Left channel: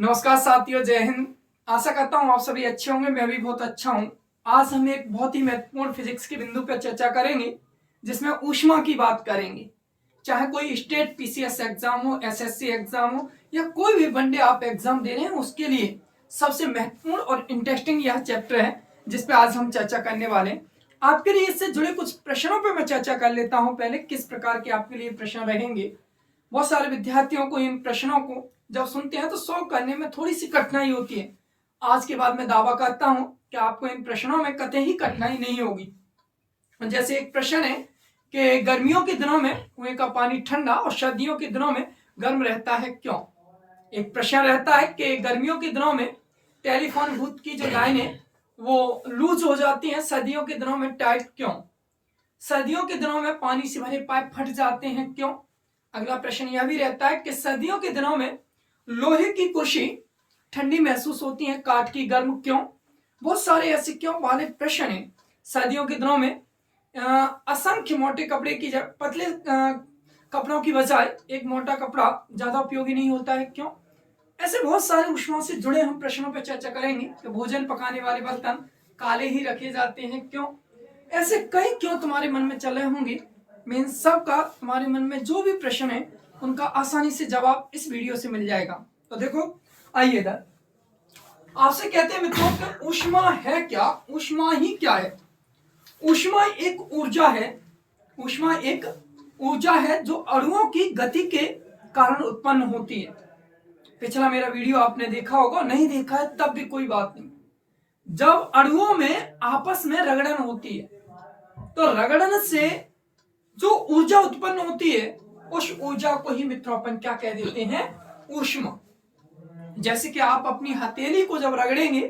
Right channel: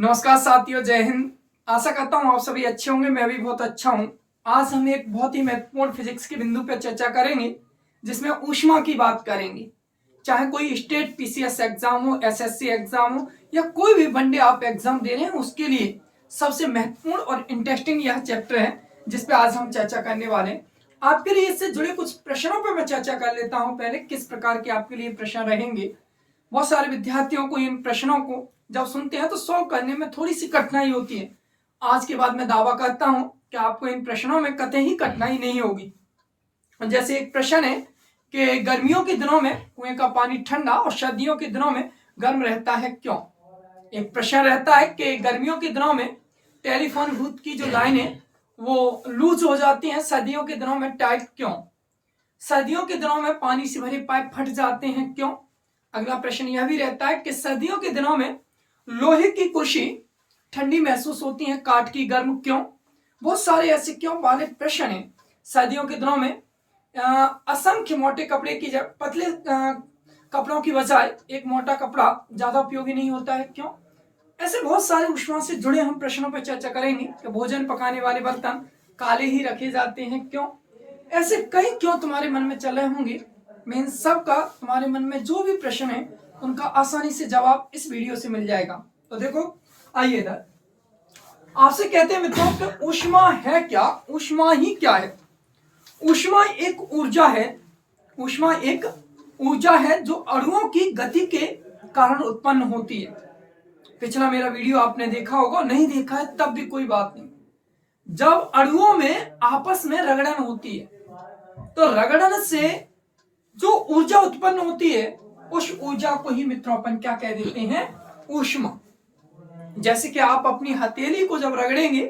नमस्कार साथियों, जय हिंद। आशा करता हूँ आप सभी अच्छे होंगे। मैं भी बहुत अच्छा हूँ। आज हम एक बहुत ही महत्वपूर्ण फिजिक्स के बिंदु पर चर्चा करेंगे, जिसमें ऊष्मा की बात करेंगे। चाहे कोई स्टेट पीसीएस एग्जाम हो, एसएससी एग्जाम हो, या कोई भी वनडे आप एग्जाम दे रहे हैं, उसके लिए सबसे महत्वपूर्ण और इंटरेस्टिंग यह चैप्टर है जिस पे आज हम चर्चा करने वाले हैं। आपके लिए इससे जुड़े कुछ प्रश्नों पर मैं चर्चा कर लेता हूँ। पहले किस प्रकार के आपके लिए प्रश्न रहेंगे। बहुत सारे विद्यार्थियों को इन प्रश्नों को जब सुनते हैं तो सॉल्व करने में थोड़ी सी कठिनाई होती है। आज के बाद मैं दावा करता हूं कि आपको इन प्रश्नों में कतई ही कठिनाई नहीं होगी। जैसे एक प्रश्न है कि गर्मियों के दिनों में कुएं का पानी ठंडा और सर्दियों के दिनों में गर्म रहता है, क्यों। एक प्रश्न रहता है कि गर्मियों के दिनों में टेलीफोन बूथ की जो लाइनें वो लूज हो जाती हैं, सर्दियों के दिनों में टाइट क्यों। सर्दियों के दिनों में पानी से भरे पाइप फट जाते हैं, क्यों। अगला प्रश्न यह भी रहता है कि सर्दियों के दिनों में लोहे की कुर्सी ठंडी महसूस होती है, काठ की गर्म क्यों। बहुत सारे ऐसे क्यों वाले प्रश्न हैं। सर्दियों के दिनों में असंख्य मोटे कपड़े की पतले कपड़ों की बजाय एक मोटा कपड़ा ज्यादा उपयोगी नहीं होता है, क्यों। ऐसे बहुत सारे ऊष्मा से जुड़े हम प्रश्नों पर चर्चा करेंगे कि भोजन पकाने वाले बर्तन काले ही रखे जाते हैं, क्यों। ऐसे कई क्यों तुम्हारे मन में चल रहे होंगे। मैं इन सब का तुम्हारे मन में जो भी प्रश्न है उनका आसानी से जवाब इस वीडियो से मिल जाएगा। तो देखो, आइए इधर। आपसे कहते हैं मित्रों कि ऊष्मा है क्या। ऊष्मा ही क्या है। ऊष्मा एक ऊर्जा है। ऊष्मा एक ऊर्जा है जो अणुओं की गति के कारण उत्पन्न होती है। पिछला मेरा वीडियो आपने देखा होगा, नहीं देखा है तब भी कोई बात नहीं। जब अणुओं में आपस में रगड़न होती है तो रगड़न से जो ऊर्जा उत्पन्न होती है उस ऊर्जा को ही मित्रों अपन क्या कह देते हैं, ऊष्मा। जैसे कि आप अपनी हथेली को जब रगड़ेंगे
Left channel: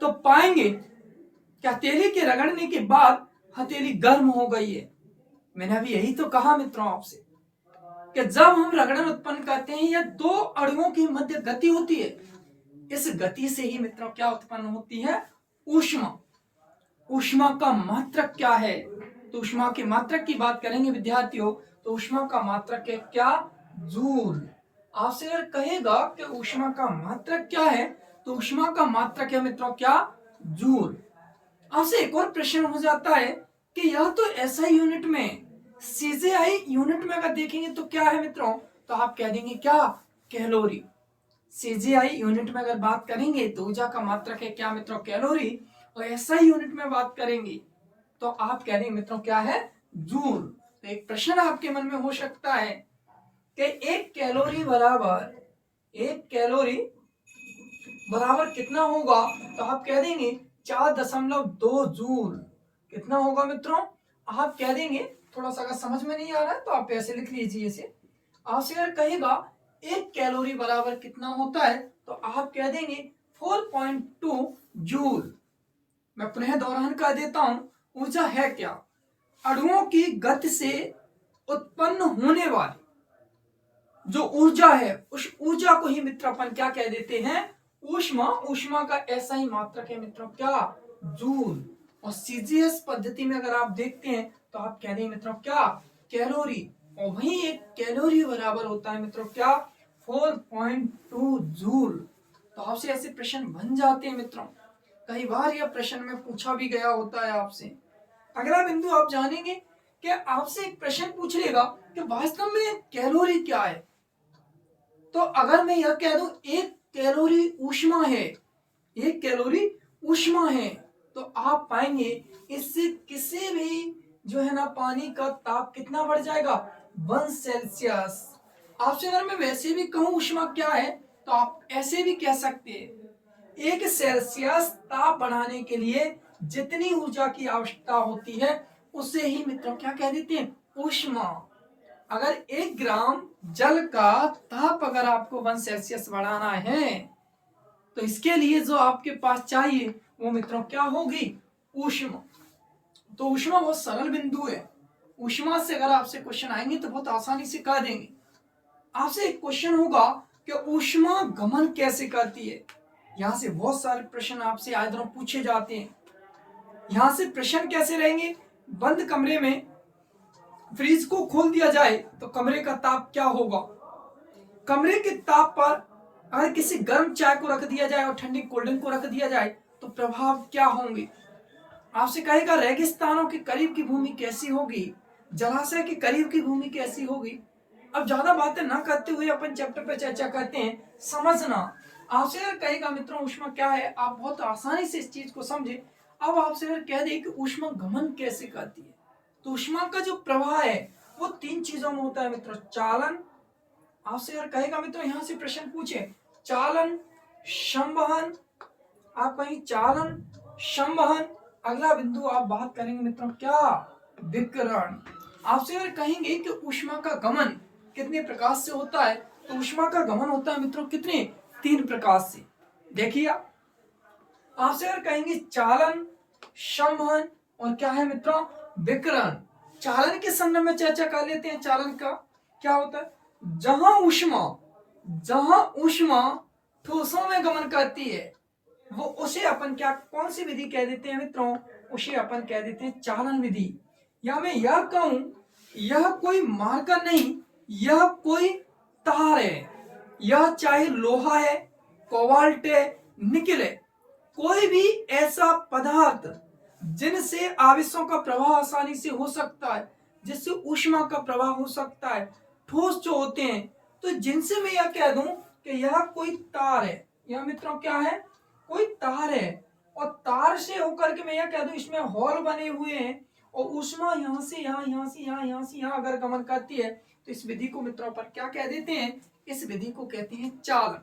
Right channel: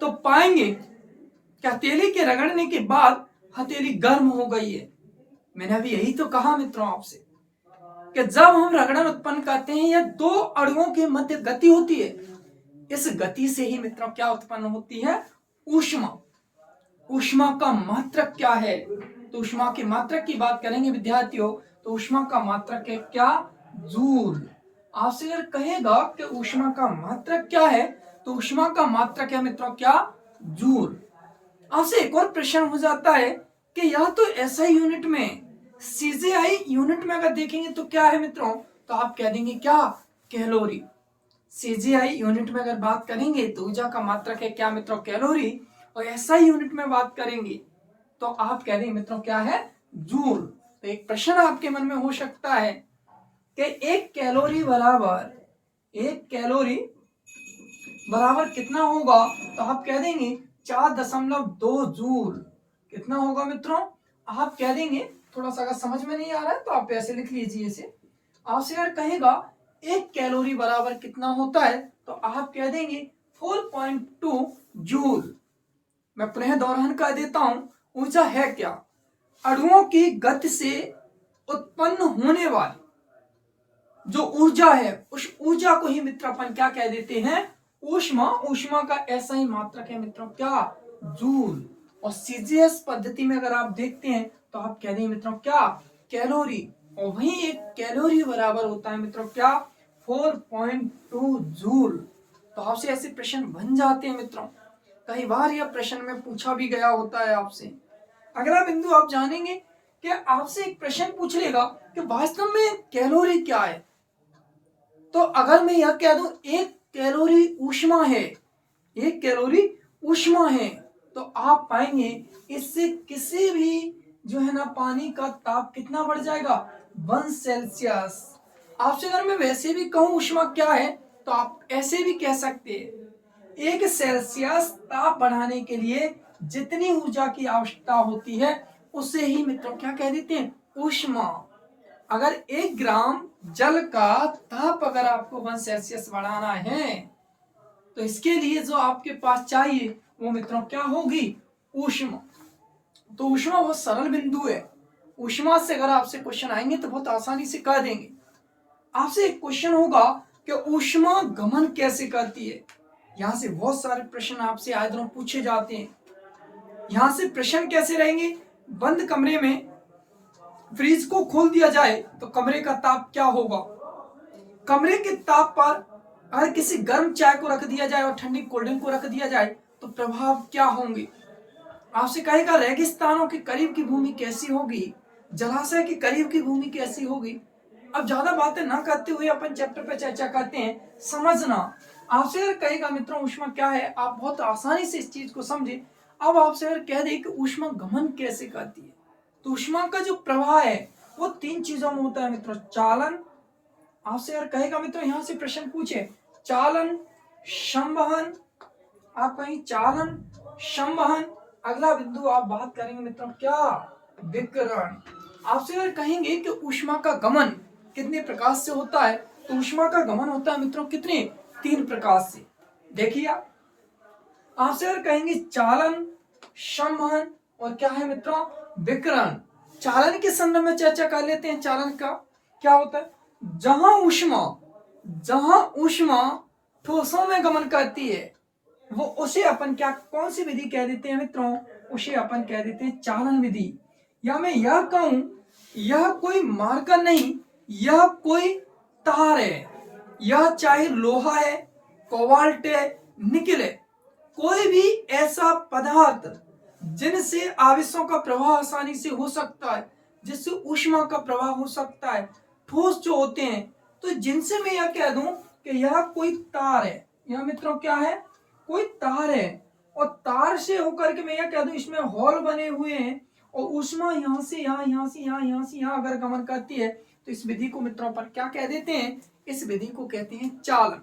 तो पाएंगे कि हथेली के रगड़ने के बाद हथेली गर्म हो गई है। मैंने अभी यही तो कहा मित्रों आपसे कि जब हम रगड़न उत्पन्न करते हैं या दो अणुओं के मध्य गति होती है, इस गति से ही मित्रों क्या उत्पन्न होती है, ऊष्मा। ऊष्मा का मात्रक क्या है। तो ऊष्मा की मात्रक की बात करेंगे विद्यार्थियों, तो ऊष्मा का मात्रक है क्या, जूल। आपसे अगर कहेगा कि ऊष्मा का मात्रक क्या है, तो ऊष्मा का मात्रक है मित्रों क्या, जूल। आपसे एक और प्रश्न हो जाता है कि यह तो एसआई यूनिट में, सीजीआई यूनिट में अगर देखेंगे तो क्या है मित्रों, तो आप कह देंगे क्या, कैलोरी। सीजीआई यूनिट में अगर बात करेंगे तो ऊर्जा का मात्रक है क्या मित्रों, कैलोरी। और एसआई यूनिट में बात करेंगे तो आप कह देंगे मित्रों क्या है, जूल। तो एक प्रश्न आपके मन में हो सकता है कि एक कैलोरी बराबर कितना होगा, तो आप कह देंगे 4.2 जूल। कितना होगा मित्रों, आप कह देंगे, थोड़ा सा अगर समझ में नहीं आ रहा है तो आप ऐसे लिख लीजिए इसे। आपसे अगर कहेगा एक कैलोरी बराबर कितना होता है, तो आप कह देंगे 4.2 जूल। मैं पुनः दोहरान कर देता हूं, ऊर्जा है क्या, अणुओं की गति से उत्पन्न होने वाली जो ऊर्जा है, उस ऊर्जा को ही मित्र अपन क्या कह देते हैं, ऊष्मा। ऊष्मा का ऐसा ही मात्रक है मित्रों क्या, जूल। और सीजीएस पद्धति में अगर आप देखते हैं तो आप कह देंगे मित्रों क्या, कैलोरी। और वही एक कैलोरी बराबर होता है मित्रों क्या, 4.2 जूल। तो आपसे ऐसे प्रश्न बन जाते हैं मित्रों। कई बार यह प्रश्न में पूछा भी गया होता है आपसे। अगला बिंदु आप जानेंगे कि आपसे एक प्रश्न पूछ लेगा कि वास्तव में कैलोरी क्या है। तो अगर मैं यह कह दूं एक कैलोरी ऊष्मा है, एक कैलोरी ऊष्मा है, तो आप पाएंगे इससे किसी भी जो है ना पानी का ताप कितना बढ़ जाएगा, 1 सेल्सियस। आपसे अगर मैं वैसे भी कहूं ऊष्मा क्या है, तो आप ऐसे भी कह सकते हैं 1 सेल्सियस ताप बढ़ाने के लिए जितनी ऊर्जा की आवश्यकता होती है उसे ही मित्रों क्या कह देते हैं, ऊष्मा। अगर 1 ग्राम जल का ताप अगर आपको 1 सेल्सियस बढ़ाना है, तो इसके लिए जो आपके पास चाहिए वो मित्रों क्या होगी, ऊष्मा। तो ऊष्मा बहुत सरल बिंदु है। ऊष्मा से अगर आपसे क्वेश्चन आएंगे तो बहुत आसानी से कर देंगे। आपसे एक क्वेश्चन होगा कि ऊष्मा गमन कैसे करती है। यहां से बहुत सारे प्रश्न आपसे आए दिनों पूछे जाते हैं। यहां से प्रश्न कैसे रहेंगे, बंद कमरे में फ्रिज को खोल दिया जाए तो कमरे का ताप क्या होगा। कमरे के ताप पर अगर किसी गर्म चाय को रख दिया जाए और ठंडी कोल्ड ड्रिंक को रख दिया जाए तो प्रभाव क्या होंगे। आपसे कहेगा रेगिस्तानों के करीब की भूमि कैसी होगी, जलाशय के करीब की भूमि कैसी होगी। अब ज्यादा बातें ना करते हुए अपन चैप्टर पे चर्चा करते हैं। समझना, आपसे अगर कहेगा मित्रों ऊष्मा क्या है, आप बहुत आसानी से इस चीज को समझे। अब आपसे अगर कह दे कि ऊष्मा गमन कैसे करती है, तो ऊष्मा का जो प्रवाह है वो 3 चीजों में होता है मित्रों। चालन, आपसे अगर कहेगा मित्रों यहां से प्रश्न पूछे चालन संवहन, आप कहीं चालन संवहन, अगला बिंदु आप बात करेंगे मित्रों क्या, विकिरण। आपसे अगर कहेंगे कि ऊष्मा का गमन कितने प्रकार से होता है, तो ऊष्मा का गमन होता है मित्रों कितने, 3 प्रकार से। देखिए आपसे अगर कहेंगे चालन संवहन और क्या है मित्रों, विकिरण। चालन के संदर्भ में चर्चा कर लेते हैं। चालन का क्या होता है, जहां ऊष्मा ठोसों में गमन करती है वो उसे अपन क्या, कौन सी विधि कह देते हैं मित्रों, उसे अपन कह देते हैं चालन विधि। या मैं यह कहूं यह कोई मार्कर नहीं, यह कोई तार है। यह चाहे लोहा है, कोबाल्ट है, निकेल है, कोई भी ऐसा पदार्थ जिनसे आवेशों का प्रवाह आसानी से हो सकता है, जिससे ऊष्मा का प्रवाह हो सकता है, ठोस जो होते हैं, तो जिनसे मैं यह कह दूं कि यह कोई तार है। यह मित्रों क्या है, कोई तार है, और तार से होकर के मैं यह कह दूं इसमें होल बने हुए हैं और ऊष्मा यहां से यहां, यहां से यहां, यहां से यहां अगर गमन करती है, तो इस विधि को मित्रों पर क्या कह देते हैं, इस विधि को कहते हैं चालन।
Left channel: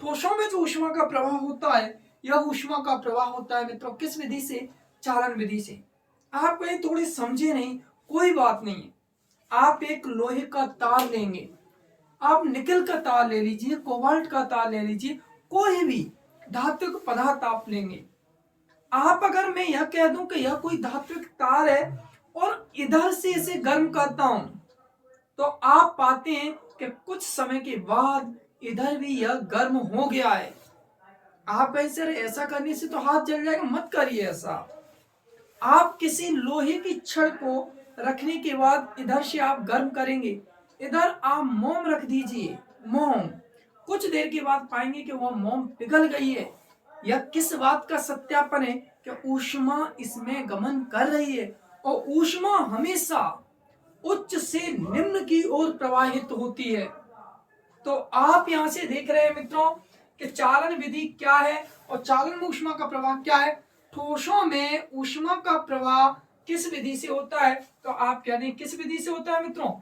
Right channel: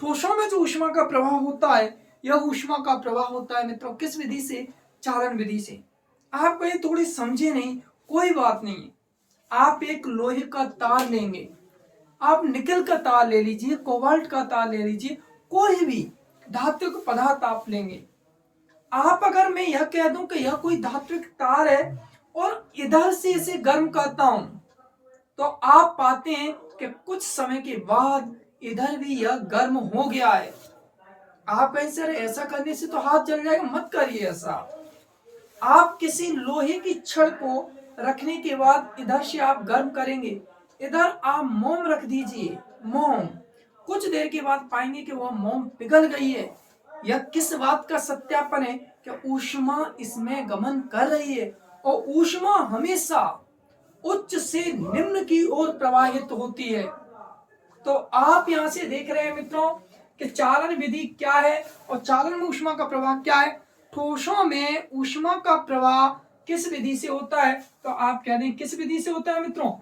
ठोसों में जो ऊष्मा का प्रवाह होता है, यह ऊष्मा का प्रवाह होता है मित्रों किस विधि से, चालन विधि से। आप कहीं थोड़ी समझे नहीं, कोई बात नहीं। आप एक लोहे का तार लेंगे, आप निकल का तार ले लीजिए, कोबाल्ट का तार ले लीजिए, कोई भी धात्विक पदार्थ आप लेंगे। आप अगर मैं यह कह दूं कि यह कोई धात्विक तार है और इधर से इसे गर्म करता हूं, तो आप पाते हैं कि कुछ समय के बाद इधर भी यह गर्म हो गया है। आप कहें सर ऐसा करने से तो हाथ जल जाएगा, मत करिए ऐसा। आप किसी लोहे की छड़ को रखने के बाद इधर से आप गर्म करेंगे, इधर आप मोम रख दीजिए, मोम, कुछ देर के बाद पाएंगे कि वह मोम पिघल गई है। यह किस बात का सत्यापन है कि ऊष्मा इसमें गमन कर रही है, और ऊष्मा हमेशा उच्च से निम्न की ओर प्रवाहित होती है। तो आप यहां से देख रहे हैं मित्रों कि चालन विधि क्या है और चालन में ऊष्मा का प्रवाह क्या है। ठोसों में ऊष्मा का प्रवाह किस विधि से होता है, तो आप कह दें किस विधि से होता है मित्रों,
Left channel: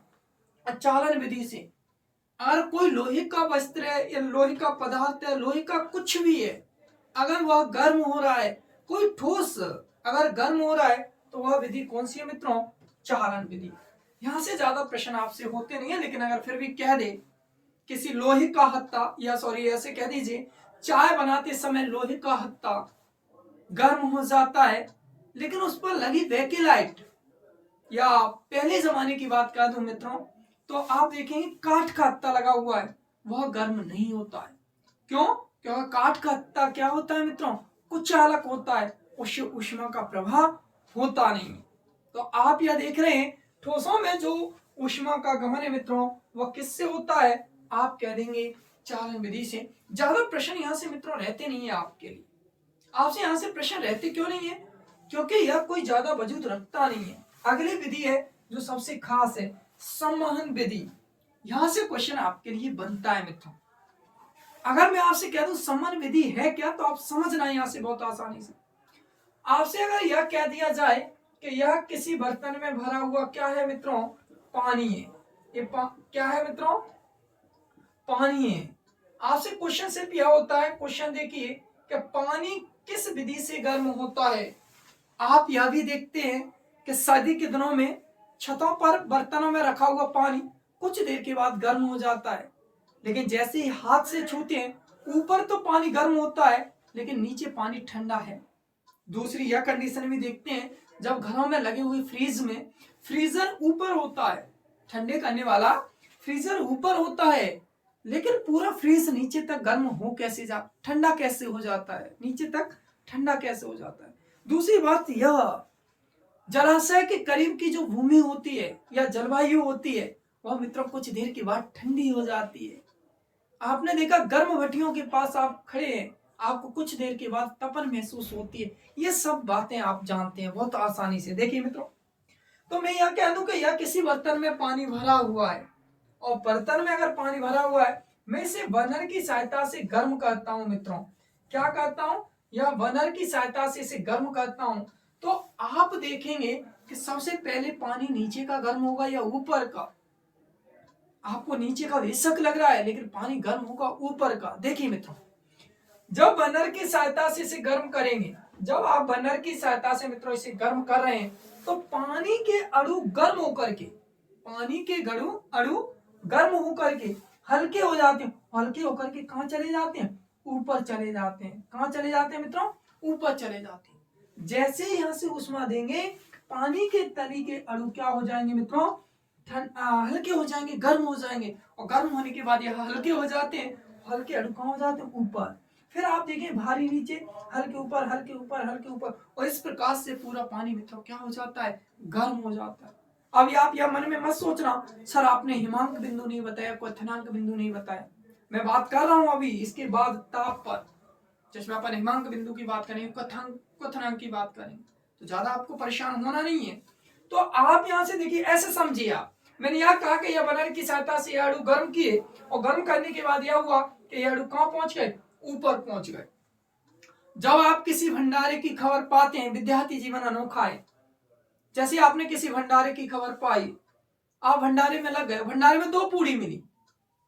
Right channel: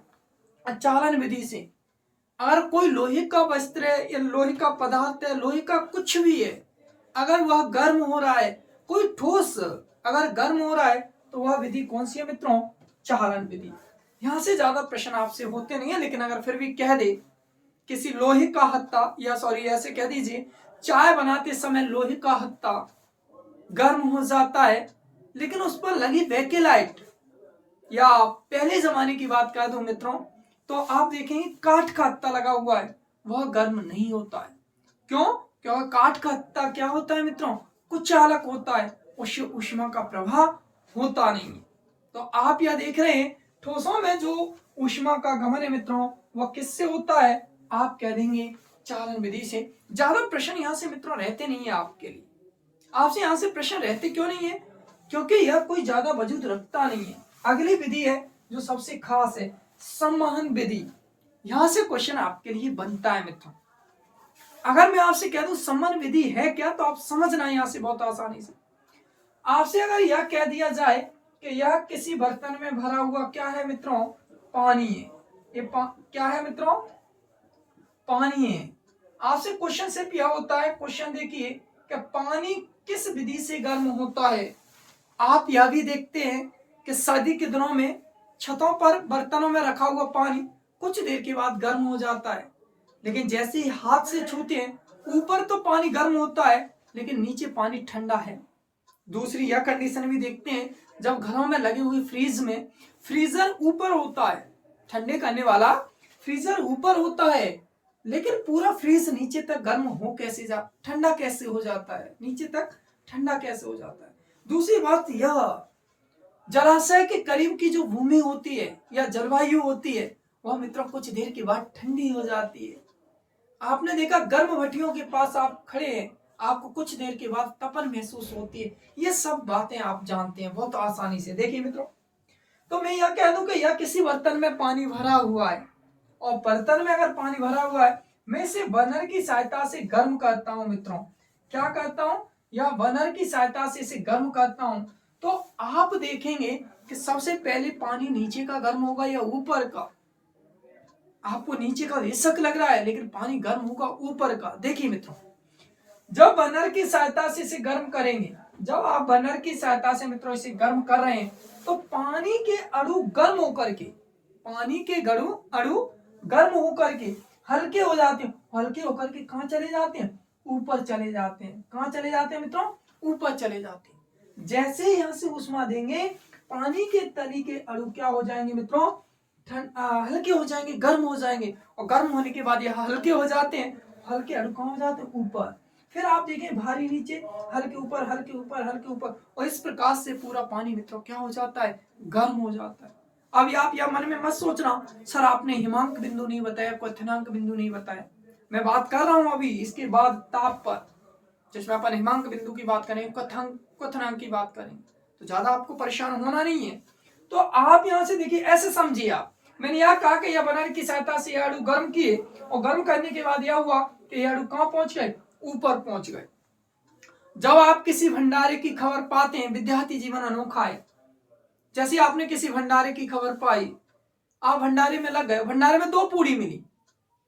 चालन विधि से। अगर कोई लोहे का वस्त्र है या लोहे का पदार्थ है, लोहे का कुछ भी है, अगर वह गर्म हो रहा है, कोई ठोस अगर गर्म हो रहा है, तो वह विधि कौन सी है मित्रों, चालन विधि। यहां से ज्यादा प्रश्न आपसे होते नहीं है, लेकिन अगर फिर भी कह दे किसी लोहे का हत्था, या सॉरी ऐसे कह दीजिए चाय बनाते समय लोहे का हत्था गर्म हो जाता है, लेकिन उस पर लगी बेकेलाइट, या पहले जमाने की बात कर दूं मित्रों, तो आप देखेंगे काठ का हत्था लगा हुआ है, वह गर्म नहीं होता है। क्यों, क्योंकि काठ का हत्था क्या होता है मित्रों, कुछ चालक होता है, उससे ऊष्मा का प्रवाह होता नहीं। तो आप यह देख रहे हैं ठोसों में जो ऊष्मा का गमन है मित्रों, वह किससे होता है, आप कह देंगे चालन विधि से। ज्यादा प्रश्न यहां से मित्रों रहते नहीं है आपके लिए। आपसे यहां से प्रश्न रहते क्यों नहीं है, क्योंकि यह कोई ज्यादा वजूद रखता नहीं है। अगली विधि है जो सबसे खास है, संवहन विधि। यहां से क्वेश्चन आपके लिए बनता है मित्रों। अगर मैं आपसे कह दूं संवहन विधि है क्या, तो आप समझना यहां से बहुत आसानी से। आपसे अगर यह कह दिया जाए कि यह किसी बर्तन में भरा हुआ क्या है मित्रों, पानी है। ये क्या है मित्रों, पानी है। आपसे क्वेश्चन सिर्फ यह होता है, क्वेश्चन देखिए कि पानी किस विधि से गर्म होता है। आप यह भी देखते हैं कि सर्दी के दिनों में छतों पर बर्तनों में रखा हुआ पानी कुछ देर के बाद गर्म हो जाता है, लेकिन जैसे ही हाथ से छूते हैं ऊपर तो पानी गर्म होता है, लेकिन नीचे पानी ठंडा है। दूसरी यह कंडीशन भी देखते हैं, जब घरों में लगे हुए फ्रीज में फ्रीजर ऊपर होता है, ठंडे करने वाला फ्रीजर ऊपर होता है, लेकिन पूरा फ्रीज नीचे तक गर्म हो कैसे ठंडा कैसे हो जाता है, नीचे तक ठंडा कैसे हो जाता है। दूसरी बात यह, जलाशय के करीब की जो भूमि होती है या जलवायु होती है, वह मित्रों कुछ देर के बाद ठंडी हो जाती है। आपने देखा गर्म भट्टियों के पास आप खड़े हैं, आपको कुछ देर के बाद तपन महसूस होती है। ये सब बातें आप जानते हैं बहुत आसानी से। देखिए मित्रों, तो मैं यह कह दूं कि यह किसी बर्तन में पानी भरा हुआ है, और बर्तन में अगर पानी भरा हुआ है, मैं इसे बर्नर की सहायता से गर्म करता हूं मित्रों। क्या करता हूं? यह बर्नर की सहायता से इसे गर्म करता हूं। तो आप देखेंगे कि सबसे पहले पानी नीचे का गर्म होगा या ऊपर का? आपको नीचे का बेशक लग रहा है, लेकिन पानी गर्म होगा ऊपर का। देखिए मित्रों, जब बर्नर की सहायता से इसे गर्म करेंगे, जब आप बर्नर की सहायता से मित्रों इसे गर्म कर रहे हैं, तो पानी के अणु गर्म होकर के, पानी के अणु गर्म होकर के हल्के हो जाते हैं। हल्के होकर के कहां चले जाते हैं? ऊपर चले जाते हैं। कहां चले जाते हैं मित्रों? ऊपर चले जाते हैं। जैसे यहां से उष्मा देंगे, पानी के तली के अणु क्या हो जाएंगे मित्रों? हल्के हो जाएंगे, गर्म हो जाएंगे, और गर्म होने के बाद यह हल्के हो जाते हैं। हल्के अणु कहां हो जाते हैं? ऊपर। फिर आप देखें भारी नीचे, हल्के ऊपर, हल्के ऊपर, हल्के ऊपर, और इस प्रकार से पूरा पानी मित्रों क्या हो जाता है? गर्म हो जाता है। अभी आप यह मन में मत सोचना सर आपने हिमांक बिंदु नहीं बताया, क्वथनांक बिंदु नहीं बताया। मैं बात कर रहा हूं अभी इसके बाद ताप पर, जिसमें अपन हिमांक बिंदु की बात करें, क्वथनांक की बात करें, तो ज्यादा आपको परेशान होना नहीं है। तो आप यहां से देखिए, ऐसे समझिए आप, मैंने यह कहा कि यह बर्नर की सहायता से यह अणु गर्म किए, और गर्म करने के बाद यह हुआ कि यह अणु कहां पहुंच गए? ऊपर पहुंच गए। जब आप किसी भंडारे की खबर पाते हैं, विद्यार्थी जीवन अनोखा है। जैसे आपने किसी भंडारे की खबर पाई, आप भंडारे में लग गए, भंडारे में 2 पूड़ी मिली,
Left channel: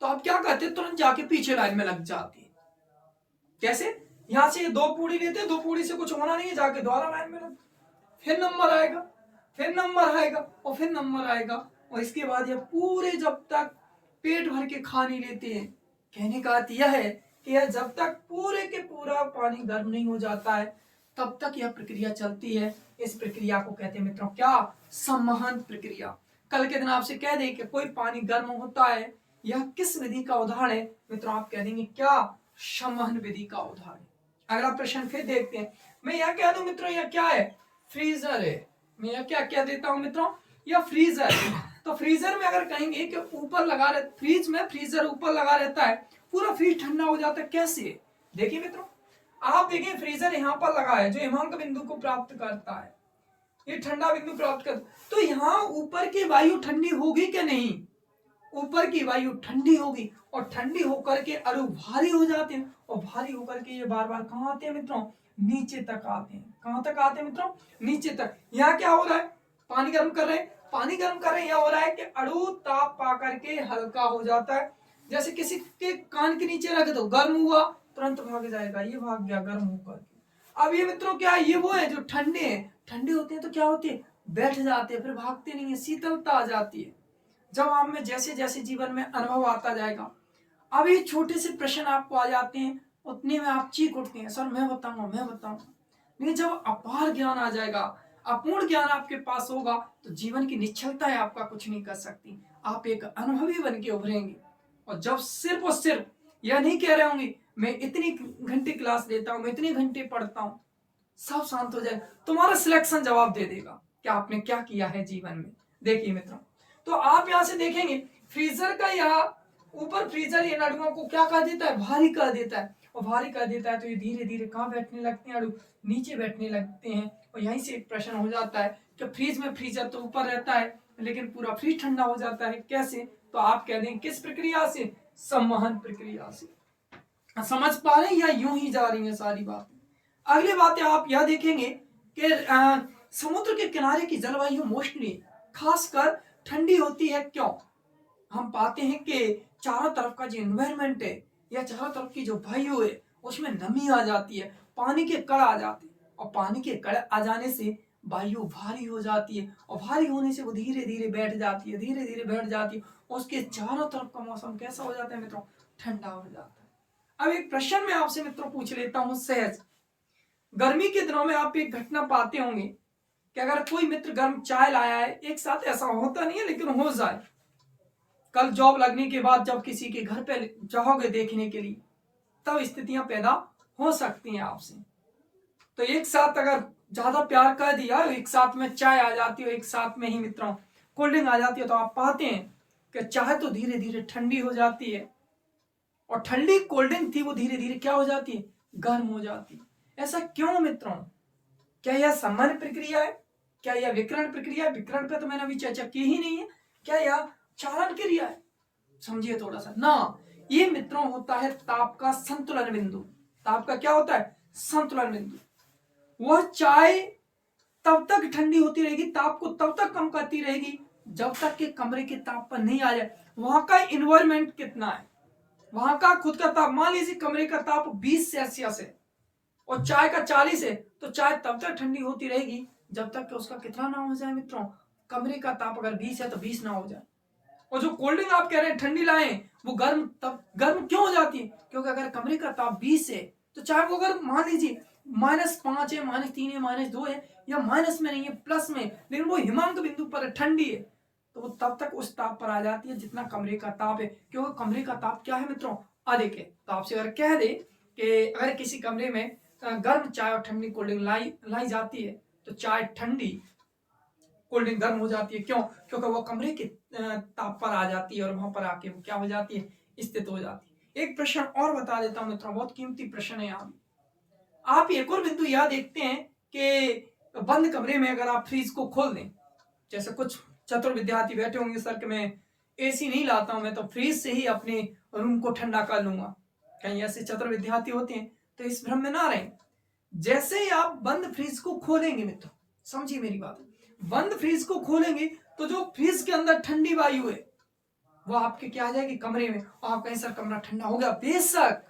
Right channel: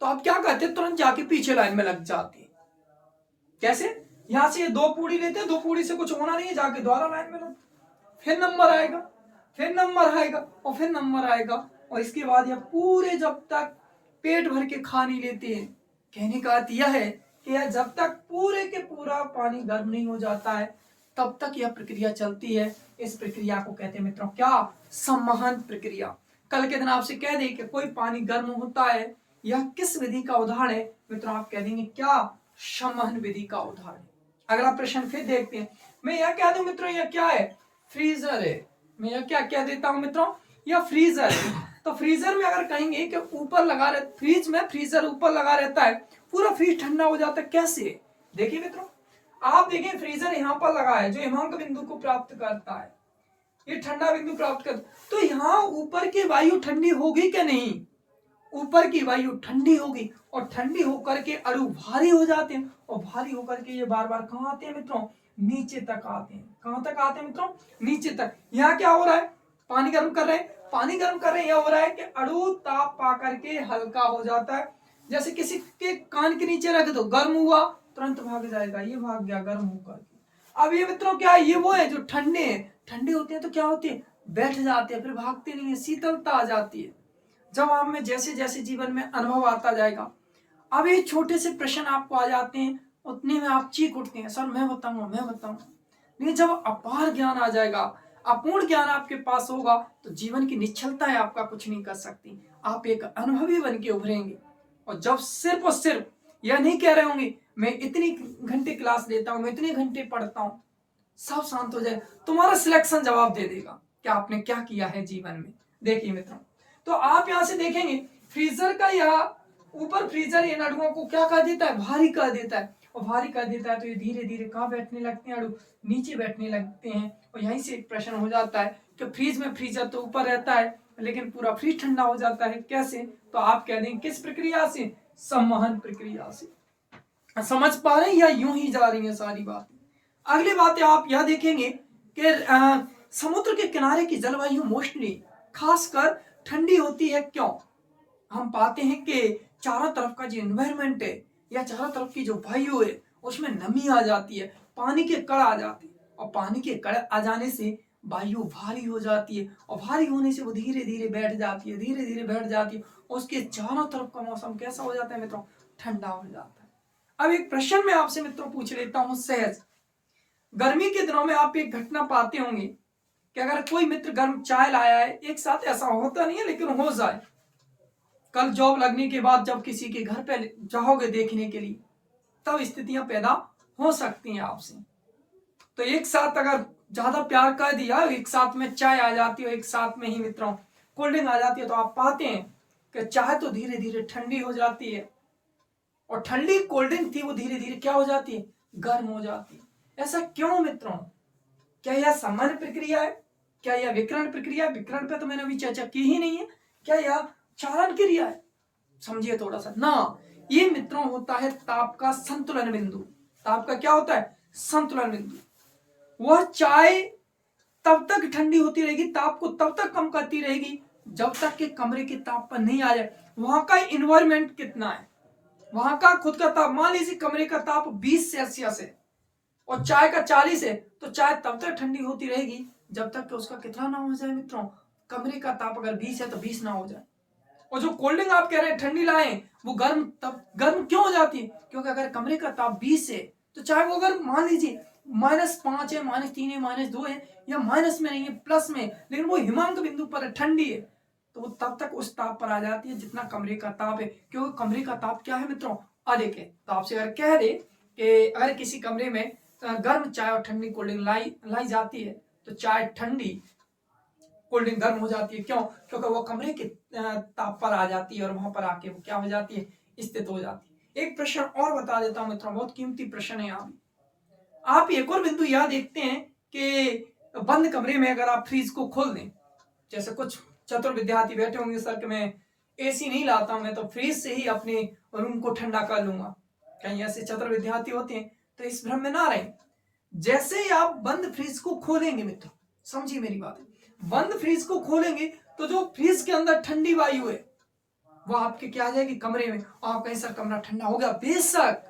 तो आप क्या करते? तुरंत जाके पीछे लाइन में लग जाते हैं। कैसे? यहां से 2 पूड़ी लेते हैं, 2 पूड़ी से कुछ होना नहीं है, जाके दोबारा लाइन में लग, फिर नंबर आएगा, फिर नंबर आएगा, और फिर नंबर आएगा, और इसके बाद यह पूरे जब तक पेट भर के खा नहीं लेते हैं। कहने का अर्थ यह है कि यह जब तक पूरे के पूरा पानी गर्म नहीं हो जाता है, तब तक यह प्रक्रिया चलती है। इस प्रक्रिया को कहते हैं मित्रों क्या? संवहन प्रक्रिया। कल के दिन आपसे कह दे कि कोई पानी गर्म होता है, यह किस विधि का उदाहरण है मित्रों? आप कह देंगे क्या? संवहन विधि का उदाहरण। अगला प्रश्न फिर देखते हैं। मैं यह कह दूं मित्रों, यह क्या है? फ्रीजर है। मैं यह क्या कह देता हूं मित्रों? यह फ्रीजर है। तो फ्रीजर में अगर कहेंगे कि ऊपर लगा रहे, फ्रीज में फ्रीजर ऊपर लगा रहता है, पूरा फ्रीज ठंडा हो जाता है। कैसे? देखिए मित्रों, आप देखें फ्रीजर यहां पर लगा है जो हिमांक बिंदु को प्राप्त करता है, ये ठंडा बिंदु प्राप्त कर, तो यहाँ ऊपर की वायु ठंडी होगी कि नहीं? ऊपर की वायु ठंडी होगी, और ठंडी होकर के अणु भारी हो जाते हैं, और भारी होकर के ये बार बार कहां आते हैं मित्रों? नीचे तक आते हैं। कहां तक आते हैं मित्रों? नीचे तक। यहाँ क्या हो रहा है? पानी गर्म कर रहे हैं, पानी गर्म कर रहे हैं, यह हो रहा है कि अणु ताप पा करके हल्का हो जाता है। जैसे किसी के कान के नीचे रख दो, गर्म हुआ, तुरंत भाग जाएगा, ये भाग गया गर्म होकर के। अब ये मित्रों क्या है? ये वो है जो ठंडे हैं। ठंडे होते हैं तो क्या होते हैं? बैठ जाते हैं, फिर भागते नहीं है, शीतलता आ जाती है। जब आप में जैसे जैसे जीवन में अनुभव आता जाएगा, अभी छोटे से प्रश्न आपको आ जाते हैं, उतने में आप चीख उठते हैं, सर मैं बताऊंगा, मैं बताऊंगा। लेकिन जब अपार ज्ञान आ जाएगा, अपूर्ण ज्ञान आपके पास होगा, तो जीवन की निश्चलता है आपका कुछ नहीं कर सकती। आप एक अनुभवी बन के उभरेंगे। और जब सिर्फ और सिर्फ यह नहीं कह रहे होंगे मैं इतनी घंटे क्लास लेता हूं, मैं इतने घंटे पढ़ता हूं, सब शांत हो जाए, तुम्हारा सिलेक्शन जवाब दे देगा कि आपने क्या किया है जीवन में। देखिए मित्रों, तो आप यहां से देखेंगे फ्रीजर का यह ऊपर फ्रीजर इन अणुओं को क्या कर देता है? भारी कर देता है, और भारी कर देता है तो ये धीरे धीरे कहां बैठने लगते हैं? अणु नीचे बैठने लगते हैं। और यहीं से एक प्रश्न हो जाता है कि फ्रीज में फ्रीजर तो ऊपर रहता है, लेकिन पूरा फ्रीज ठंडा हो जाता है, कैसे? तो आप कह देंगे किस प्रक्रिया से? संवहन प्रक्रिया से। समझ पा रहे हैं या यूं ही जा रही है सारी बातें? अगली बातें आप यह देखेंगे कि समुद्र के किनारे की जलवायु मोस्टली खासकर ठंडी होती है। क्यों? हम पाते हैं कि चारों तरफ का जो एनवायरनमेंट है, या चारों तरफ की जो वायु है, उसमें नमी आ जाती है, पानी के कण आ जाते हैं, और पानी के कण आ जाने से वायु भारी हो जाती है, और भारी होने से वो धीरे धीरे बैठ जाती है, धीरे धीरे बैठ जाती है, और उसके चारों तरफ का मौसम कैसा हो जाता है मित्रों? ठंडा हो जाता है। अब एक प्रश्न मैं आपसे मित्रों पूछ लेता हूं सहज। गर्मी के दिनों में आप एक घटना पाते होंगे कि अगर कोई मित्र गर्म चाय लाया है, एक साथ ऐसा होता नहीं है लेकिन हो जाए, कल जॉब लगने के बाद जब किसी के घर पे जाओगे देखने के लिए, तब स्थितियां पैदा हो सकती हैं आपसे। तो एक साथ अगर ज्यादा प्यार कर दिया, एक साथ में चाय आ जाती है, एक साथ में ही मित्रों कोल्ड ड्रिंक आ जाती है, तो आप पाते हैं कि चाय तो धीरे धीरे ठंडी हो जाती है, और ठंडी कोल्ड ड्रिंक थी वो धीरे धीरे क्या हो जाती है, गर्म हो जाती है। ऐसा क्यों मित्रों? क्या यह सामान्य प्रक्रिया है? क्या यह विकिरण प्रक्रिया है? विकिरण पे तो मैंने अभी चर्चा की ही नहीं है। क्या यह चालन क्रिया है? समझिए थोड़ा सा ना। ये मित्रों होता है ताप का संतुलन बिंदु। ताप का क्या होता है? संतुलन बिंदु। वह चाय तब तक ठंडी होती रहेगी, ताप को तब तक कम करती रहेगी जब तक कि कमरे के ताप पर नहीं आ जाए। वहां का इन्वायरमेंट कितना है, वहां का खुद का ताप, मान लीजिए कमरे का ताप 20 सेल्सियस है और चाय का 40 है, तो चाय तब तक ठंडी होती रहेगी जब तक कि उसका कितना ना हो जाए मित्रों, कमरे का ताप अगर 20 है तो 20 ना हो जाए। और जो कोल्ड ड्रिंक आप कह रहे हैं ठंडी लाएं, वो गर्म, तब गर्म क्यों हो जाती है? क्योंकि अगर कमरे का ताप 20 है तो चाहे वो अगर मान लीजिए -5 है, -3 है, -2 है, या माइनस में नहीं है, प्लस में, लेकिन वो हिमांक बिंदु पर ठंडी है, तो वो तब तक उस ताप पर आ जाती है जितना कमरे का ताप है। क्योंकि कमरे का ताप क्या है मित्रों? अधिक है। तो आपसे अगर कह दे कि अगर किसी कमरे में गर्म चाय और ठंडी कोल्ड ड्रिंक लाई जाती है, तो चाय ठंडी, कोल्ड ड्रिंक गर्म हो जाती है। क्यों? क्योंकि वो कमरे के ताप पर आ जाती है और वहां पर आके वो क्या हो जाती है, स्थित हो जाती है। एक प्रश्न और बता देता हूं मित्रों, बहुत कीमती प्रश्न है यहाँ भी। आप एक और बिंदु यह देखते हैं कि बंद कमरे में अगर आप फ्रीज को खोल दें, जैसे कुछ चतुर विद्यार्थी बैठे होंगे सर कि मैं एसी नहीं लाता हूं, मैं तो फ्रीज से ही अपने रूम को ठंडा कर लूंगा। कहीं ऐसे चतुर विद्यार्थी होते हैं, तो इस भ्रम में ना रहें। जैसे ही आप बंद फ्रीज को खोलेंगे मित्रों, समझिए मेरी बात, बंद फ्रीज को खोलेंगे तो जो फ्रीज के अंदर ठंडी वायु है वो आपके क्या आ जाएगी, कमरे में। और आप कहें सर कमरा ठंडा हो गया, बेशक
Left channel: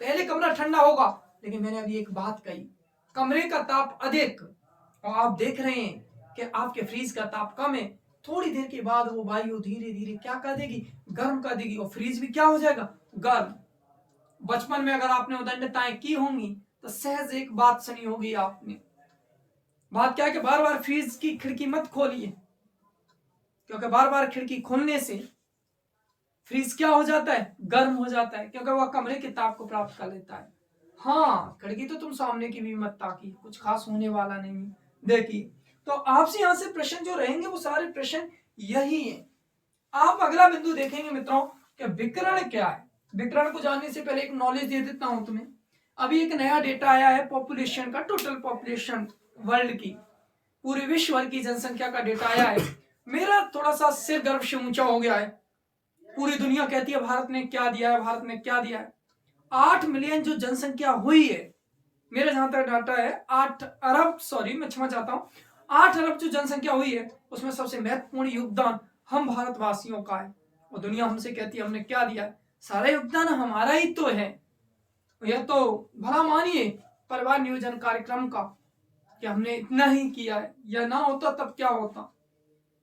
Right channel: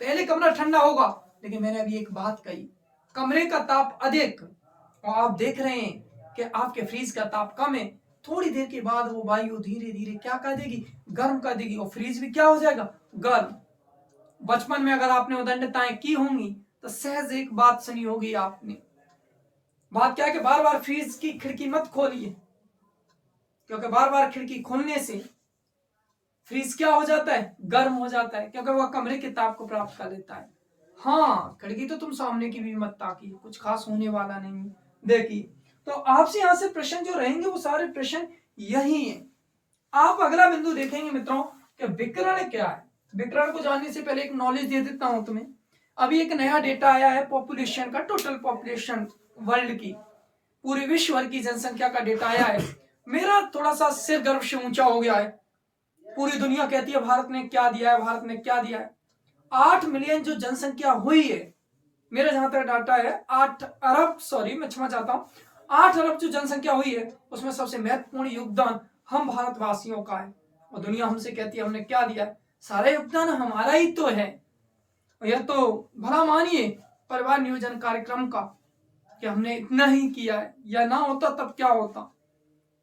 पहले कमरा ठंडा होगा, लेकिन मैंने अभी एक बात कही, कमरे का ताप अधिक और आप देख रहे हैं कि आपके फ्रीज का ताप कम है, थोड़ी देर के बाद वो वायु धीरे धीरे क्या कर देगी, गर्म कर देगी, और फ्रीज भी क्या हो जाएगा, गर्म। बचपन में अगर आपने उदंडताएं की होंगी तो सहज एक बात सुनी होगी आपने, बात क्या है कि बार बार फ्रीज की खिड़की मत खोलिए, क्योंकि बार बार खिड़की खोलने से फ्रीज क्या हो जाता है, गर्म हो जाता है, क्योंकि वह कमरे के ताप को प्राप्त कर लेता है। हाँ, खिड़की तो तुम सामने की भी मत ताकी, कुछ खास होने वाला नहीं देखी। तो आपसे यहां से प्रश्न जो रहेंगे वो सारे प्रश्न यही है। आप अगला बिंदु देखेंगे मित्रों कि विकिरण क्या है। विकिरण को जानने से पहले एक नॉलेज दे देता हूं तुम्हें। अभी एक नया डेटा आया है पॉपुलेशन का, टोटल पॉपुलेशन वर्ल्ड की, पूरे विश्व भर की जनसंख्या का डेटा आया है। मेरा थोड़ा सा सिर गर्व से ऊंचा हो गया है। पूरी दुनिया कहती है भारत ने क्या दिया है, भारत ने क्या दिया है। 8 मिलियन जो जनसंख्या हुई है, मेरा जहां तक डाटा है 8 अरब, सॉरी मैं क्षमा चाहता हूं, 8 अरब जो जनसंख्या हुई है उसमें सबसे महत्वपूर्ण योगदान हम भारतवासियों का है। और दुनिया हमसे कहती है हमने क्या दिया है, सारा योगदान हमारा ही तो है। यह तो भला मानिए परिवार नियोजन कार्यक्रम का कि हमने इतना ही किया है, या ना होता तब क्या होता।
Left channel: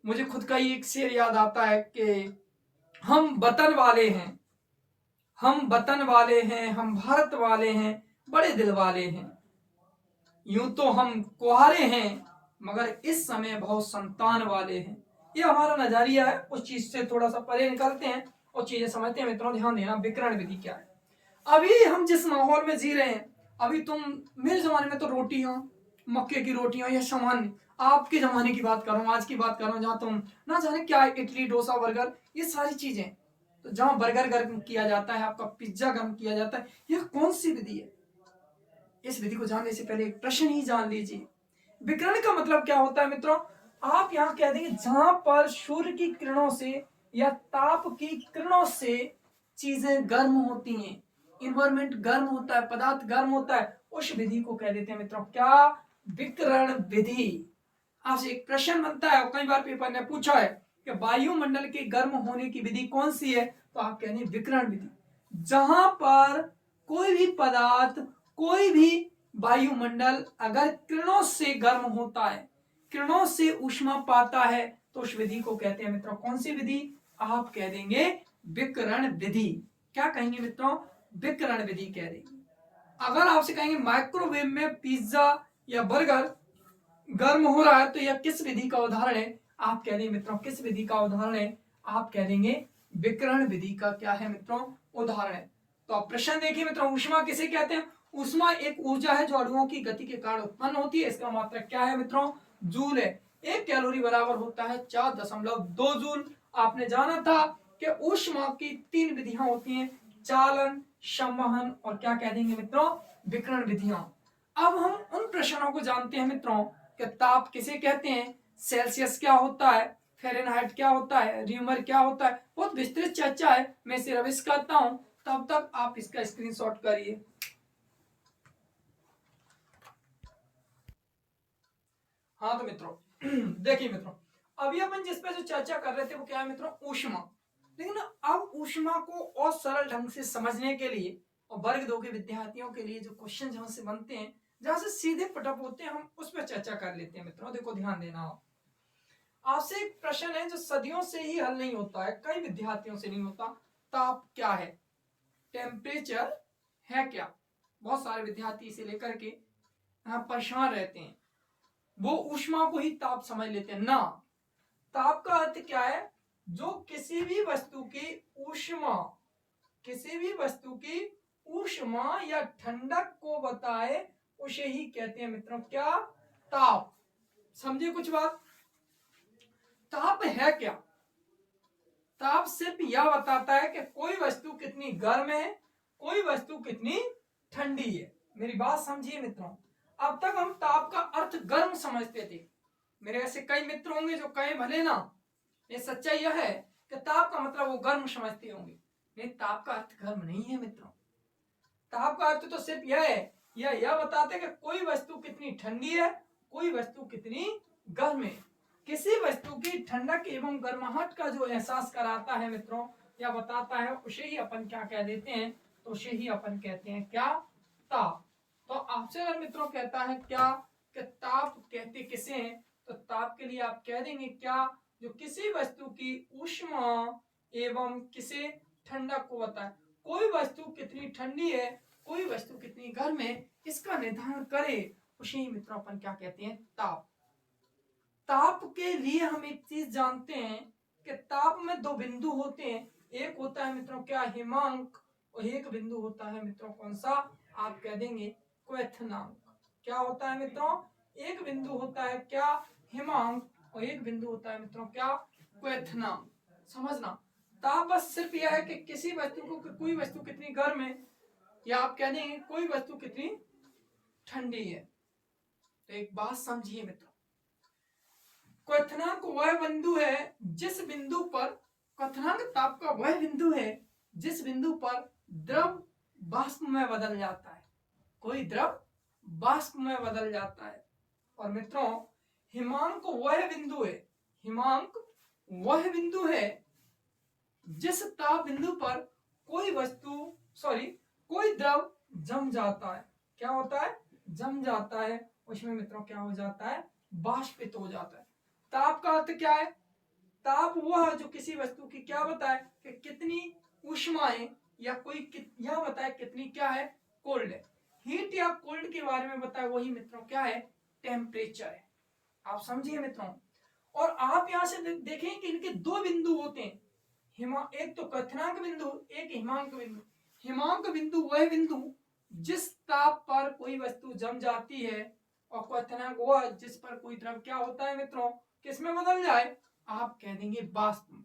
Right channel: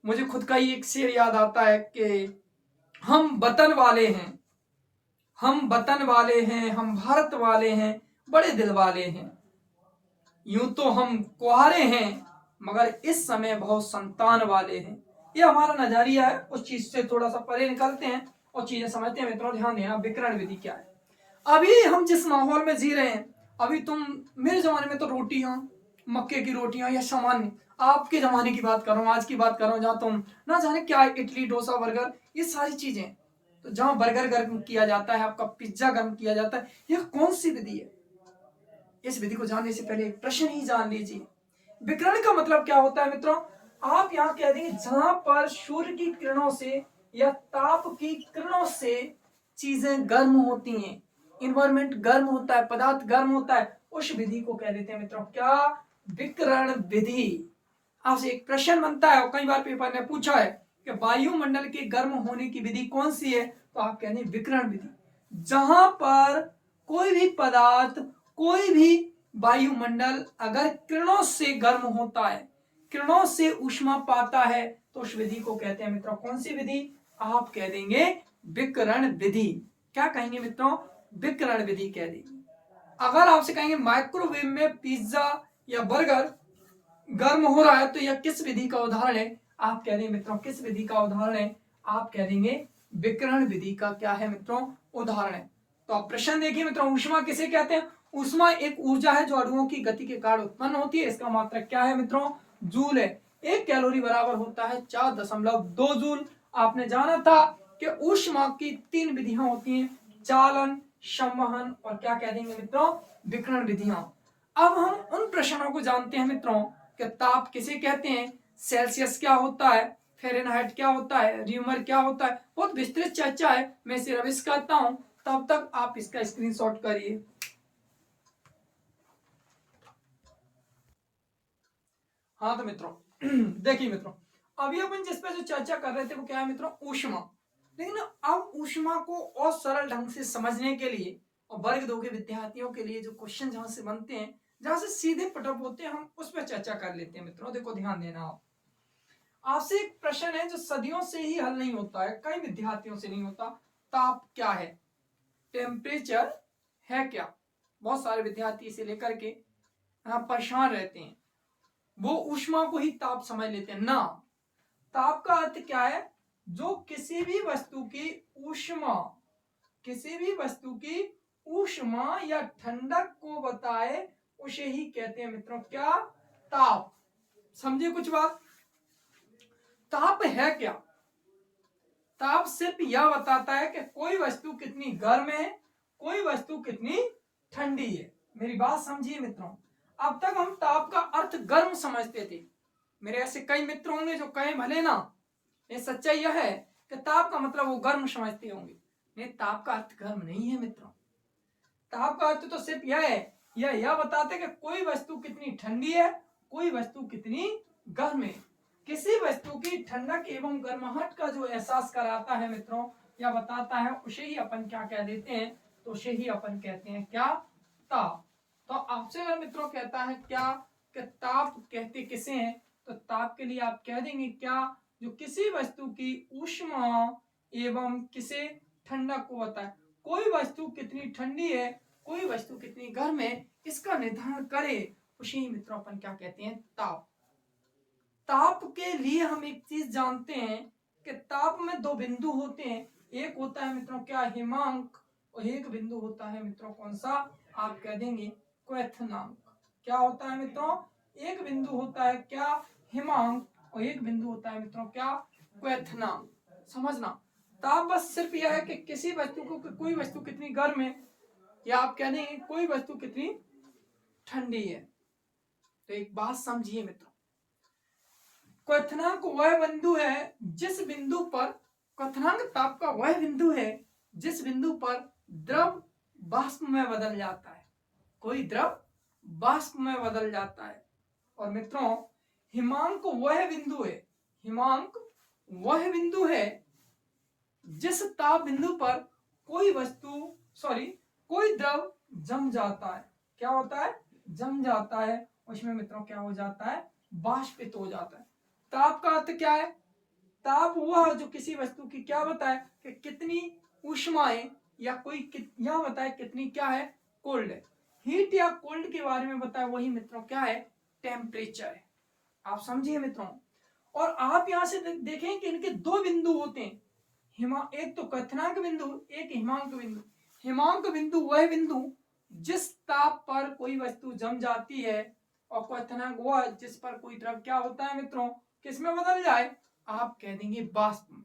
मुझे खुद का ही एक शेर याद आता है कि हम वतन वाले हैं, हम वतन वाले हैं, हम भारत वाले हैं, बड़े दिल वाले हैं। यूं तो हम कुआरे हैं मगर इस समय बहुत संतान वाले हैं। ये हमारा नजरिया है, उस चीज से थोड़ा सा परे निकलते हैं और चीजें समझते हैं। मित्रों ध्यान देना, विकिरण विधि क्या है। अभी हम जिस माहौल में जी रहे हैं, अभी तुम, मेरे जमाने में तो रोटियां, मक्के की रोटियां या सामान्य, आपके जमाने की बात कर रहा हूँ, आज की बात कर रहा हूँ, जहाँ तुम ना जाने क्या इडली डोसा बर्गर, ये सारी चीजें, तो जहां बर्गर गर्म किया जाता है, आपका पिज्जा गर्म किया जाता है, यह कौन सी विधि है? इस विधि को जानने से पहले एक प्रश्न ही जान लीजिए। विकिरण का मतलब क्या होता है मित्रों? आप यहां कह देंगे जहां पर सूर्य की किरणों से या ताप की किरणों से चीजें गर्म होती हैं, इन्वायरमेंट गर्म होता है, पदार्थ गर्म होता है, उस विधि को कह देते हैं मित्रों क्या? विकिरण विधि। आपसे एक प्रश्न बनता है और कई बार पेपर ने पूछा है कि वायुमंडल के गर्म होने की विधि कौन सी है, तो आप कहते हैं विकिरण विधि। जहां पर कोई भी पदार्थ, कोई भी वायुमंडल अगर किरणों से गर्म होता है, किरणों से ऊष्मा पाता है, तो उस विधि को कहते हैं मित्रों कौन सी विधि? आप कह देंगे विकिरण विधि। क्या कहेंगे मित्रों? विकिरण विधि कह देंगे। अगर आपसे कहेंगे माइक्रोवेव में पिज्जा या बर्गर गर्म हो रहा है तो यह किस विधि का उदाहरण है? आप कह देंगे मित्रों किस विधि का उदाहरण है? आप कह देंगे विकिरण विधि का क्या है मित्रों? उदाहरण है। तो आप प्रश्न देखिए मित्रों, ऊष्मा किसे कहते हैं? ऊष्मा एक ऊर्जा है जो अणुओं की गति के कारण उत्पन्न होती है। इसका मात्रक क्या है मित्रों? जूल है। 1 कैलोरी बराबर होता है 4.2 जूल। आपने जाना था कि ऊष्मा की 3 विधियां होती हैं, चालन, संवहन और क्या कह देंगे मित्रों, विकिरण विधियां। अब हम उन प्रश्नों को जानते हैं मित्रों कि ताप किसे कहते हैं, सेल्सियस क्या होता है, फ़ारेनहाइट क्या होता है, र्यूमर क्या होता है। बहुत विस्तृत चर्चा है, मैं इसे रविश करता हूं, तब तक आप इसका स्क्रीनशॉट करिए। हाँ तो मित्रों देखिए मित्रों, अभी अपन जिस पे जो चर्चा कर रहे थे वो क्या है मित्रों, ऊष्मा। लेकिन अब ऊष्मा को और सरल ढंग से समझने के लिए और वर्ग 2 के विद्यार्थियों के लिए जो क्वेश्चन जहां से बनते हैं, जहां से सीधे पटअप होते हैं, हम उस पर चर्चा कर लेते हैं मित्रों। देखो ध्यान देना, आप आपसे एक प्रश्न है जो सदियों से ही हल नहीं होता है, कई विद्यार्थियों से नहीं होता। ताप क्या है, टेम्परेचर है क्या। बहुत सारे विद्यार्थी इसे लेकर के यहाँ परेशान रहते हैं, वो ऊष्मा को ही ताप समझ लेते हैं ना। ताप का अर्थ क्या है, जो किसी भी वस्तु की ऊष्मा, किसी भी वस्तु की ऊष्मा या ठंडक को बताए उसे ही कहते हैं मित्रों क्या, ताप। समझिए कुछ बात, ताप है क्या। ताप सिर्फ यह बताता है कि कोई वस्तु कितनी गर्म है, कोई वस्तु कितनी ठंडी है। मेरी बात समझिए मित्रों, अब तक हम ताप का अर्थ गर्म समझते थे। मेरे ऐसे कई मित्र होंगे जो कहें भले ना, ये सच्चाई यह है कि ताप का मतलब वो गर्म समझते होंगे। नहीं, ताप का अर्थ गर्म नहीं है मित्रों। ताप का अर्थ तो सिर्फ यह है, यह बताते कि कोई वस्तु कितनी ठंडी है, कोई वस्तु कितनी गर्म है। किसी वस्तु की ठंडक एवं गर्माहट का जो एहसास कराता है मित्रों, या बताता है, उसे ही अपन क्या कह देते हैं, तो उसे ही अपन कहते हैं क्या, ताप। तो आपसे अगर मित्रों कहता है क्या कि ताप कहते किसे हैं, तो ताप के लिए आप कह देंगे क्या, जो किसी वस्तु की ऊष्मा एवं किसे ठंडक को बताए। कोई वस्तु कितनी ठंडी है, कोई वस्तु कितनी गर्म है, इसका निर्धारण करे, उसी मित्रों अपन क्या कहते हैं, ताप। ताप के लिए हम एक चीज जानते हैं कि ताप में दो बिंदु होते हैं, एक होता है मित्रों क्या, हिमांक, और एक बिंदु होता है मित्रों कौन सा, आप कह देंगे क्वथनांक। क्या होता है मित्रों, एक बिंदु होता है क्या, हिमांक, और एक बिंदु होता है मित्रों क्या, क्वथनांक। समझना, ताप बस सिर्फ यह है कि किसी वस्तु को, कोई वस्तु कितनी गर्म है, या आप कह देंगे कोई वस्तु कितनी ठंडी है। तो एक बात समझिए मित्रों, क्वथनांक वह बिंदु है जिस बिंदु पर, क्वथनांक ताप का वह बिंदु है जिस बिंदु पर द्रव वाष्प में बदल जाता है, कोई द्रव वाष्प में बदल जाता है। और मित्रों हिमांक वह बिंदु है, हिमांक वह बिंदु है जिस ताप बिंदु पर कोई वस्तु, सॉरी, कोई द्रव जम जाता है। क्या होता है, जम जाता है, उसमें मित्रों क्या हो जाता है, वाष्पित हो जाता है। ताप का अर्थ क्या है, ताप वह जो किसी वस्तु की क्या बताए कि कितनी ऊष्मा है, या कोई यह बताए कितनी क्या है, कोल्ड है। हीट या कोल्ड के बारे में बताए, वही मित्रों क्या है, टेम्परेचर है। आप समझिए मित्रों, और आप यहां से देखें कि इनके दो बिंदु होते हैं, एक तो क्वथनांक बिंदु, एक हिमांक बिंदु। हिमांक बिंदु वह बिंदु जिस ताप पर कोई वस्तु जम जाती है, और क्वथनांक वह जिस पर कोई द्रव क्या होता है मित्रों, किस में बदल जाए, आप कह देंगे वाष्प में।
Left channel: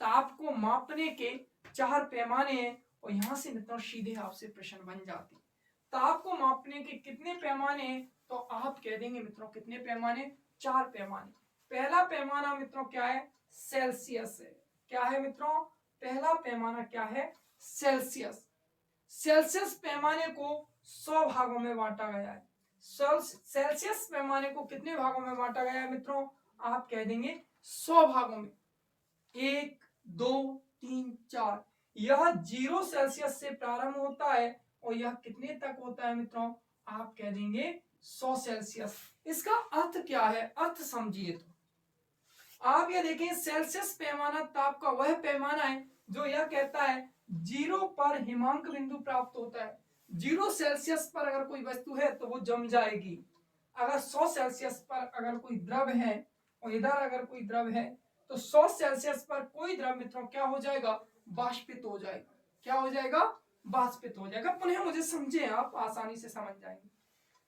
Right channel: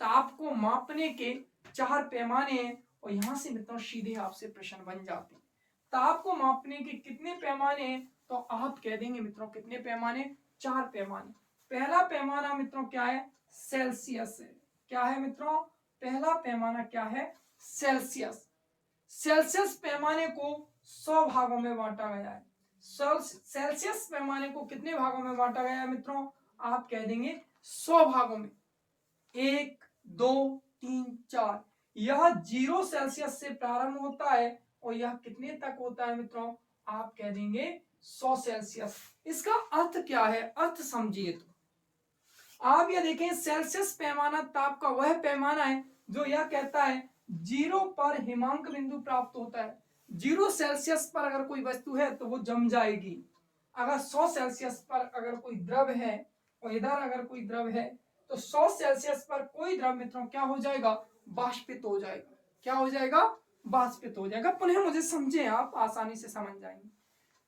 ताप को मापने के 4 पैमाने हैं, और यहां से मित्रों सीधे आपसे प्रश्न बन जाते हैं। ताप को मापने के कितने पैमाने हैं, तो आप कह देंगे मित्रों कितने पैमाने, 4 पैमाने। पहला पैमाना मित्रों क्या है, सेल्सियस है। क्या है मित्रों, पहला पैमाना क्या है, सेल्सियस। सेल्सियस पैमाने को 100 भागों में बांटा गया है। सेल्सियस पैमाने को कितने भागों में बांटा गया है मित्रों, आप कह देंगे 100 भागों में। 1 2 3 4, यह 0 सेल्सियस से प्रारंभ होता है, और यह कितने तक होता है मित्रों, आप कह देंगे 100 सेल्सियस। इसका अर्थ क्या है, अर्थ समझिए। तो आप ये देखें, सेल्सियस पैमाना ताप का वह पैमाना है जो यह कहता है 0 पर हिमांक बिंदु प्राप्त होता है। 0 सेल्सियस पर अगर कोई वस्तु है तो वो जम जाएगी। अगर 100 सेल्सियस पर अगर कोई द्रव है, और इधर अगर कोई द्रव है, तो 100 सेल्सियस पर कोई द्रव मित्रों क्या हो जाएगा, वाष्पित हो जाएगा। क्या हो जाएगा, वाष्पित हो जाएगा। पुनः मुझे समझे, आप आसानी से समझ जाएंगे।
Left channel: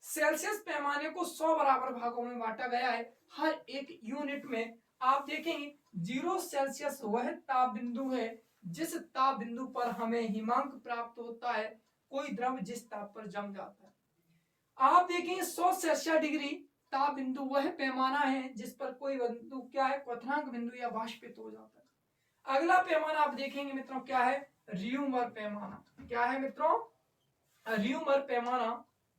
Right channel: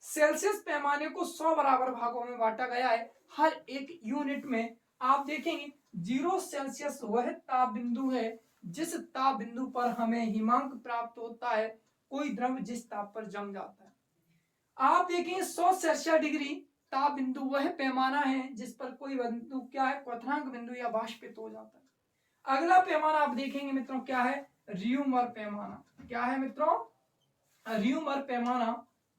सेल्सियस पैमाने को 100 बराबर भागों में बांटा गया है, हर एक यूनिट में। आप देखेंगे 0 सेल्सियस वह ताप बिंदु है जिस ताप बिंदु पर हमें हिमांक प्राप्त होता है, कोई द्रव जिस ताप पर जम जाता है। आप देखेंगे 100 सेल्सियस डिग्री ताप बिंदु वह पैमाना है जिस पर कोई बिंदु क्या है, क्वथनांक बिंदु या बाष्पित हो जाता है। अगला पैमाना आप देखेंगे मित्रों क्या है, रियूमर पैमाना। क्या है मित्रों, रियूमर पैमाना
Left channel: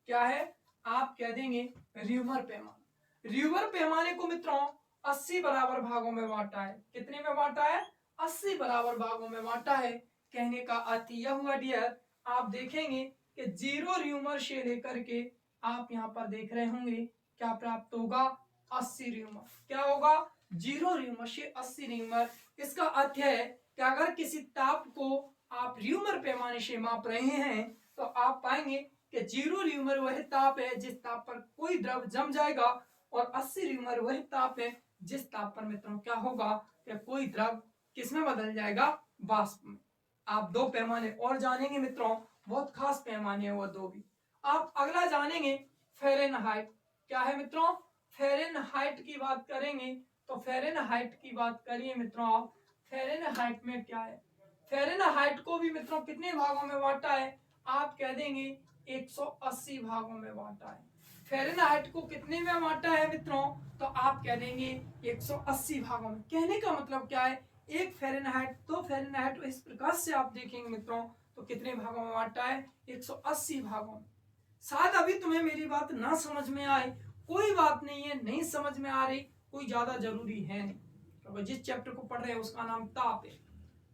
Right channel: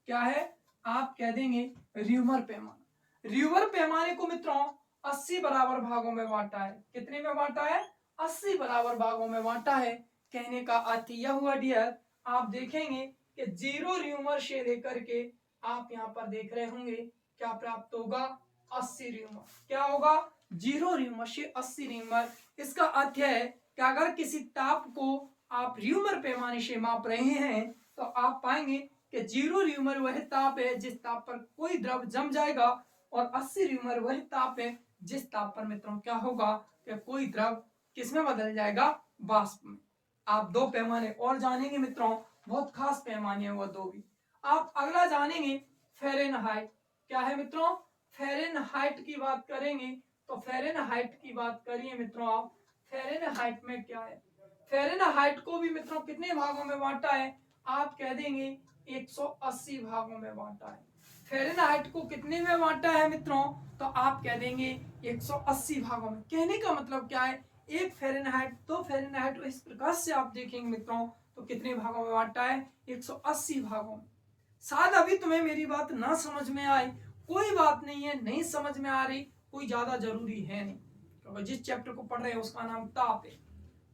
क्या है, आप कह देंगे रियूमर पैमाना। रियूमर पैमाने को मित्रों 80 बराबर भागों में बांटा है। कितने में बांटा है, 80 बराबर भागों में बांटा है। कहने का अर्थ यह हुआ डियर, आप देखेंगे कि 0 रियूमर से लेकर के आप यहां पर देख रहे होंगे क्या प्राप्त होगा, 80 रियूमर। क्या होगा, 0 रियूमर से 80 रियूमर। इसका अर्थ है कि अगर किसी ताप को आप रियूमर पैमाने से माप रहे हैं तो आप पाएंगे कि 0 रियूमर वह ताप है जिस ताप पर कोई द्रव जम जाएगा, और 80 रियूमर वह ताप है जिस ताप पर मित्रों क्या होगा कि कोई द्रव किसमें बदल जाएगा, वाष्प में। आप दो पैमाने और जानेंगे मित्रों, बहुत खास पैमाने हैं वो दो भी। आप अगला जानेंगे फ़ारेनहाइट। क्या है मित्रों, फ़ारेनहाइट की बात करेंगे तो फ़ारेनहाइट की बात करिए मित्रों आप, फ़ारेनहाइट में क्या है, फ़ारेनहाइट को भी मित्रों कितने भागों में बांटा है, आप कह देंगे 180 भागों में बांटा है। फ़ारेनहाइट को कितने में बांटा है मित्रों, तो आप कह देंगे 180 भागों में। कहने का मतलब क्या है, एक फ़ारेनहाइट, दो फ़ारेनहाइट, इस प्रकार से आप देखेंगे मित्रों तो कितने भागों में बांटा है, 180 भागों में। शायद अभी तुम्हें मेरी बात ना समझ में आए, कोई बात नहीं है, नहीं समझ में आ रही, कोई ज्यादा जरूरी है नहीं, क्योंकि जिस चैप्टर को पढ़ रहे हैं उसका नाम ताप है।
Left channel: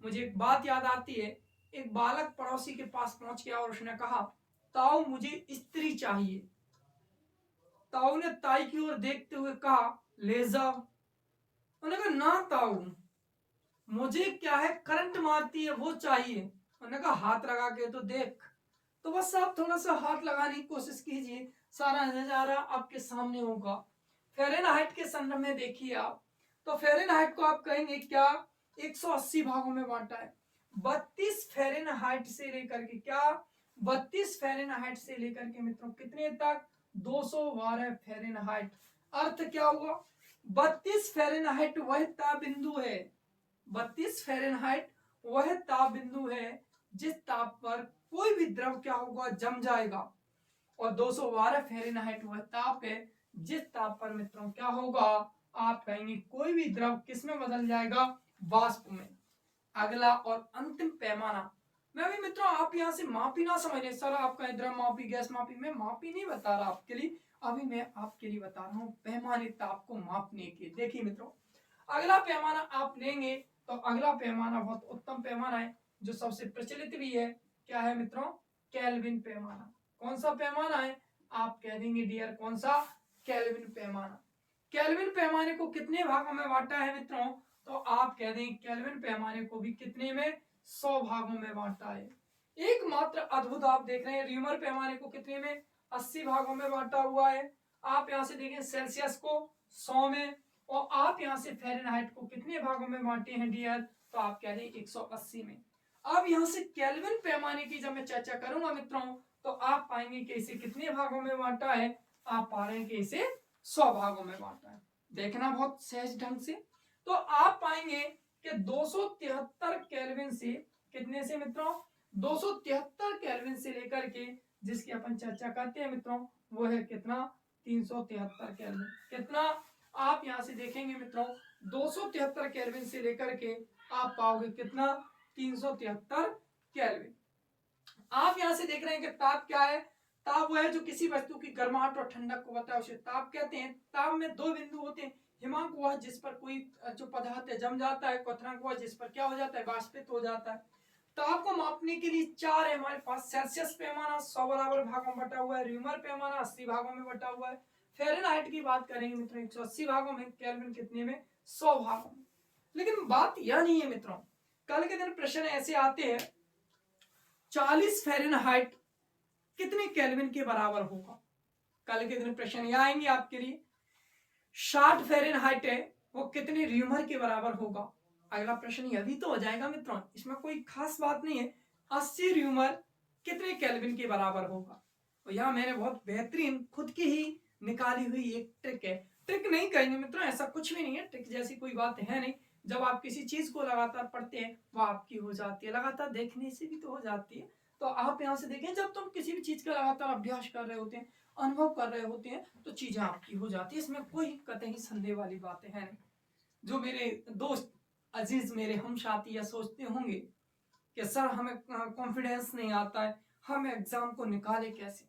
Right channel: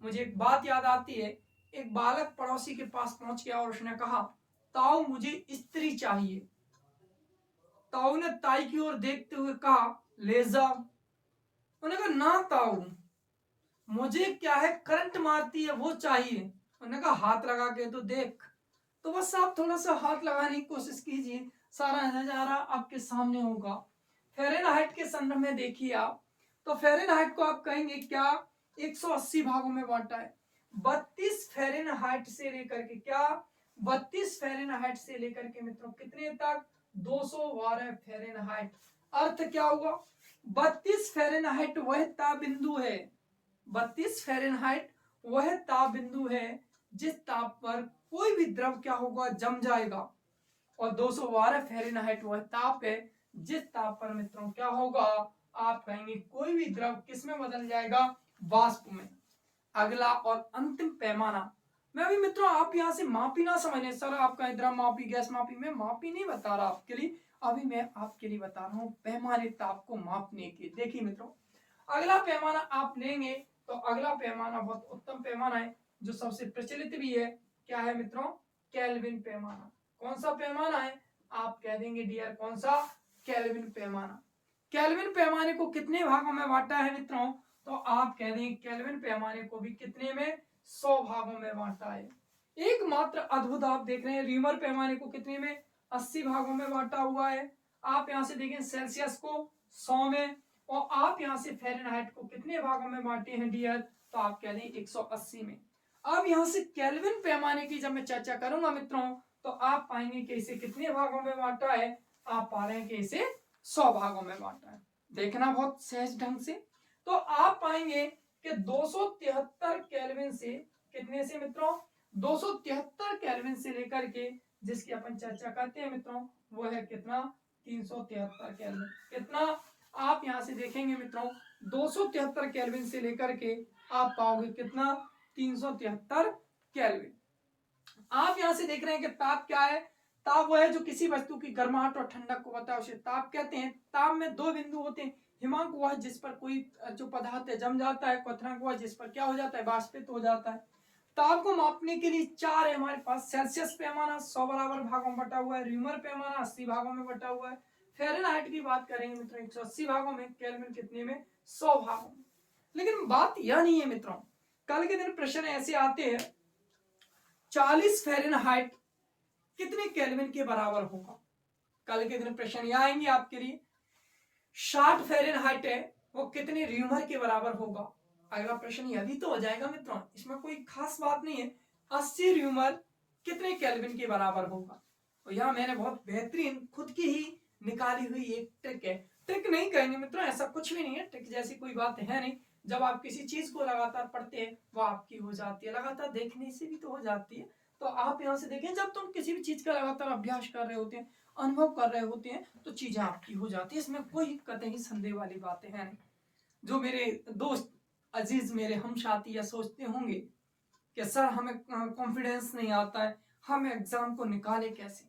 मुझे एक बात याद आती है, एक बालक पड़ोसी के पास पहुंच गया और उसने कहा, ताऊ मुझे स्त्री चाहिए। ताऊ ने ताई की ओर देखते हुए कहा, ले जाओ। उन्होंने कहा, ना ताऊ, मुझे क्या है, करंट मारती है वो चाहिए। उन्होंने कहा, हाथ लगा के तो देख। तो बस आप थोड़ा सा हाथ लगाने की कोशिश कीजिए, सारा नजारा आपके सामने होगा। फ़ारेनहाइट के संदर्भ में देखिए आप, तो फ़ारेनहाइट को आप कहेंगे क्या, 180 भागों में बांटा है। 32 फ़ारेनहाइट से लेकर के क्या, 32 फ़ारेनहाइट से लेकर के मित्रों कितने तक, 212 फ़ारेनहाइट। अर्थ क्या हुआ, 32 फ़ारेनहाइट वह ताप बिंदु है, 32 फ़ारेनहाइट वह ताप बिंदु है जिस ताप पर कोई भी द्रव क्या होगा, जम जाएगा, और 212 फ़ारेनहाइट वह ताप है जिस ताप पर मित्रों क्या होगा, आप कहेंगे कोई भी द्रव किस में बदल जाएगा, वाष्प में। अगला और अंतिम पैमाना, मैं अभी मित्रों आप यहां से मापी ना समझ लें, सर आप कहें द्रव मापी, गैस मापी, मैं मापी नहीं बता रहा आपके लिए, अभी मैं आपके लिए बता रहा हूं पैमाने ताप को मापने के। देखिए मित्रों, अगला पैमाना आप लेंगे तो अगला पैमाना बहुत उत्तम पैमाना है जो सबसे प्रचलित भी है। क्या है मित्रों, केल्विन पैमाना। कौन सा पैमाना है, आप कह देंगे डियर कौन सा, केल्विन पैमाना। केल्विन पैमाने को कितने भागों में बांटा है मित्रों, तो आप कह देंगे केल्विन पैमाने को भी कितने में, 100 भागों में बांटा है। एकमात्र अद्भुत आप देख रहे हैं, रीमर पैमाने को कितने में, 80 भागों में बांटा हुआ है। आप यहां से देखें सेल्सियस को 100 में, और आप यहां से फ़ारेनहाइट को कितने भागों में बांटे हैं डियर, तो आप कह दें 180 में। अब यहां से केल्विन पैमाने की जब मैं चर्चा करूंगा मित्रों, तो आप पाएंगे कि इसे कितने भागों में बांटा है, आप पा रहे हैं कि इसे 100 भागों में बांटा है। देखना बहुत सहज ढंग से, तो आप पाएंगे कि 273 केल्विन से, कितने से मित्रों, 273 केल्विन से लेकर के जिसकी अपन चर्चा करते हैं मित्रों, वो है कितना, 373 केल्विन। कितना, आप यहां से देखेंगे मित्रों 273 केल्विन से लेकर के आप पाओगे कितना, 373 केल्विन। आप यहां से देख रहे हैं कि ताप क्या है, ताप वह है जो किसी वस्तु की गर्माहट और ठंडक को होता है, उसे ताप कहते हैं। ताप में दो बिंदु होते हैं, हिमांक वह जिस पर कोई जो पदार्थ है जम जाता है, क्वथनांक वह जिस पर क्या हो जाता है, वाष्पित हो जाता है। ताप को मापने के लिए चार है हमारे पास, सेल्सियस पैमाना 100 बराबर भागों में बटा हुआ है, र्यूमर पैमाना 80 भागों में बटा हुआ है, फ़ारेनहाइट की बात करेंगे मित्रों 180 भागों में, केल्विन कितने में, 100 भागों में। लेकिन बात यह नहीं है मित्रों, कल के दिन प्रश्न ऐसे आते हैं, 40 फ़ारेनहाइट कितने केल्विन के बराबर होगा। कल के दिन प्रश्न यह आएंगे आपके लिए, 60 फ़ारेनहाइट है वो कितने र्यूमर के बराबर होगा। अगला प्रश्न यह भी तो हो जाएगा मित्रों, इसमें कोई खास बात नहीं है, 80 र्यूमर कितने केल्विन के बराबर होगा। तो यह मैंने बहुत बेहतरीन खुद की ही निकाली हुई एक ट्रिक है, ट्रिक नहीं कहेंगे मित्रों, ऐसा कुछ भी नहीं है, ट्रिक जैसी कोई बात है नहीं, जब आप किसी चीज को लगातार पढ़ते हैं वो आपकी हो जाती है, लगातार देखने से भी तो हो जाती है। तो आप यहाँ से देखें, जब तुम किसी भी चीज का लगातार अभ्यास कर रहे होते हैं, अनुभव कर रहे होते हैं, तो चीजें आपकी हो जाती है, इसमें कोई कतई संदेह वाली बातें हैं नहीं। जो मेरे दोस्त अजीज मेरे हम साथी या सोचते होंगे कि सर हमें कॉन्फिडेंस नहीं आता है, हम एग्जाम को निकाले कैसे।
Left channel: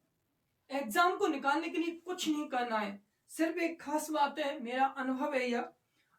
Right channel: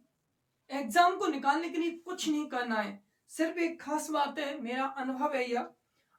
एग्जाम को निकालने के लिए कुछ नहीं करना है, सिर्फ एक खास बात है, मेरा अनुभव है यह,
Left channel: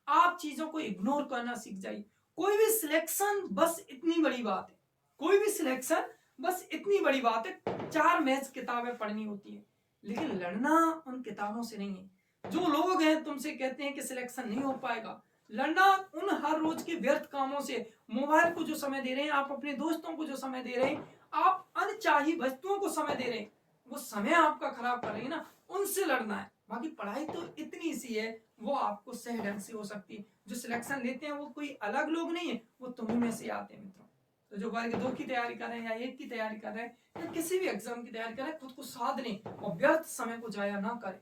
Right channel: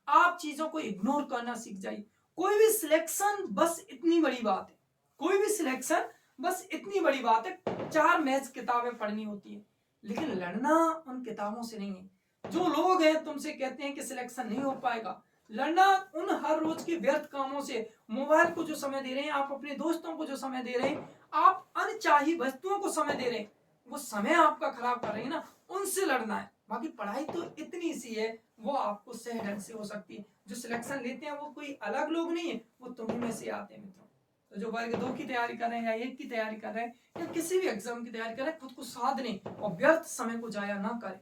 आप चीजों को इग्नोर करना सीख जाइए। कोई भी सिलेक्शन बस इतनी बड़ी बात है, कोई भी सिलेक्शन बस इतनी बड़ी बात है, 4 मैथ्स किताबें पढ़नी होती है, लेकिन लड़ना उन किताबों से नहीं है। जो लोग हैं तुमसे कहते हैं कि सिलेक्शन नहीं हो पाएगा, लड़ना उन हर रोज के व्यर्थ कामों से, मोबाइल को जो समय दे रहे हैं आप, अपने दोस्तों को जो समय दे रहे हैं आप, अनचाही वस्तुओं को समय दे रहे हैं, वो समय आपका खराब कर रही है ना, उनसे लड़ना है। बाकी पढ़ाई तो इतनी सी है, वो आपको सही ढंग से हो सकती है। जो सिलेक्शन लेते हैं वो कोई अलग लोग नहीं है, वो तुम्ही में से आते हैं मित्रों। तो जो वर्ग 2 की तैयारी कर रहे हैं या 1 की तैयारी कर रहे हैं या किसी भी एग्जाम की तैयारी कर रहे हैं, खुद को साध लें और व्यर्थ समय को जाया ना करें,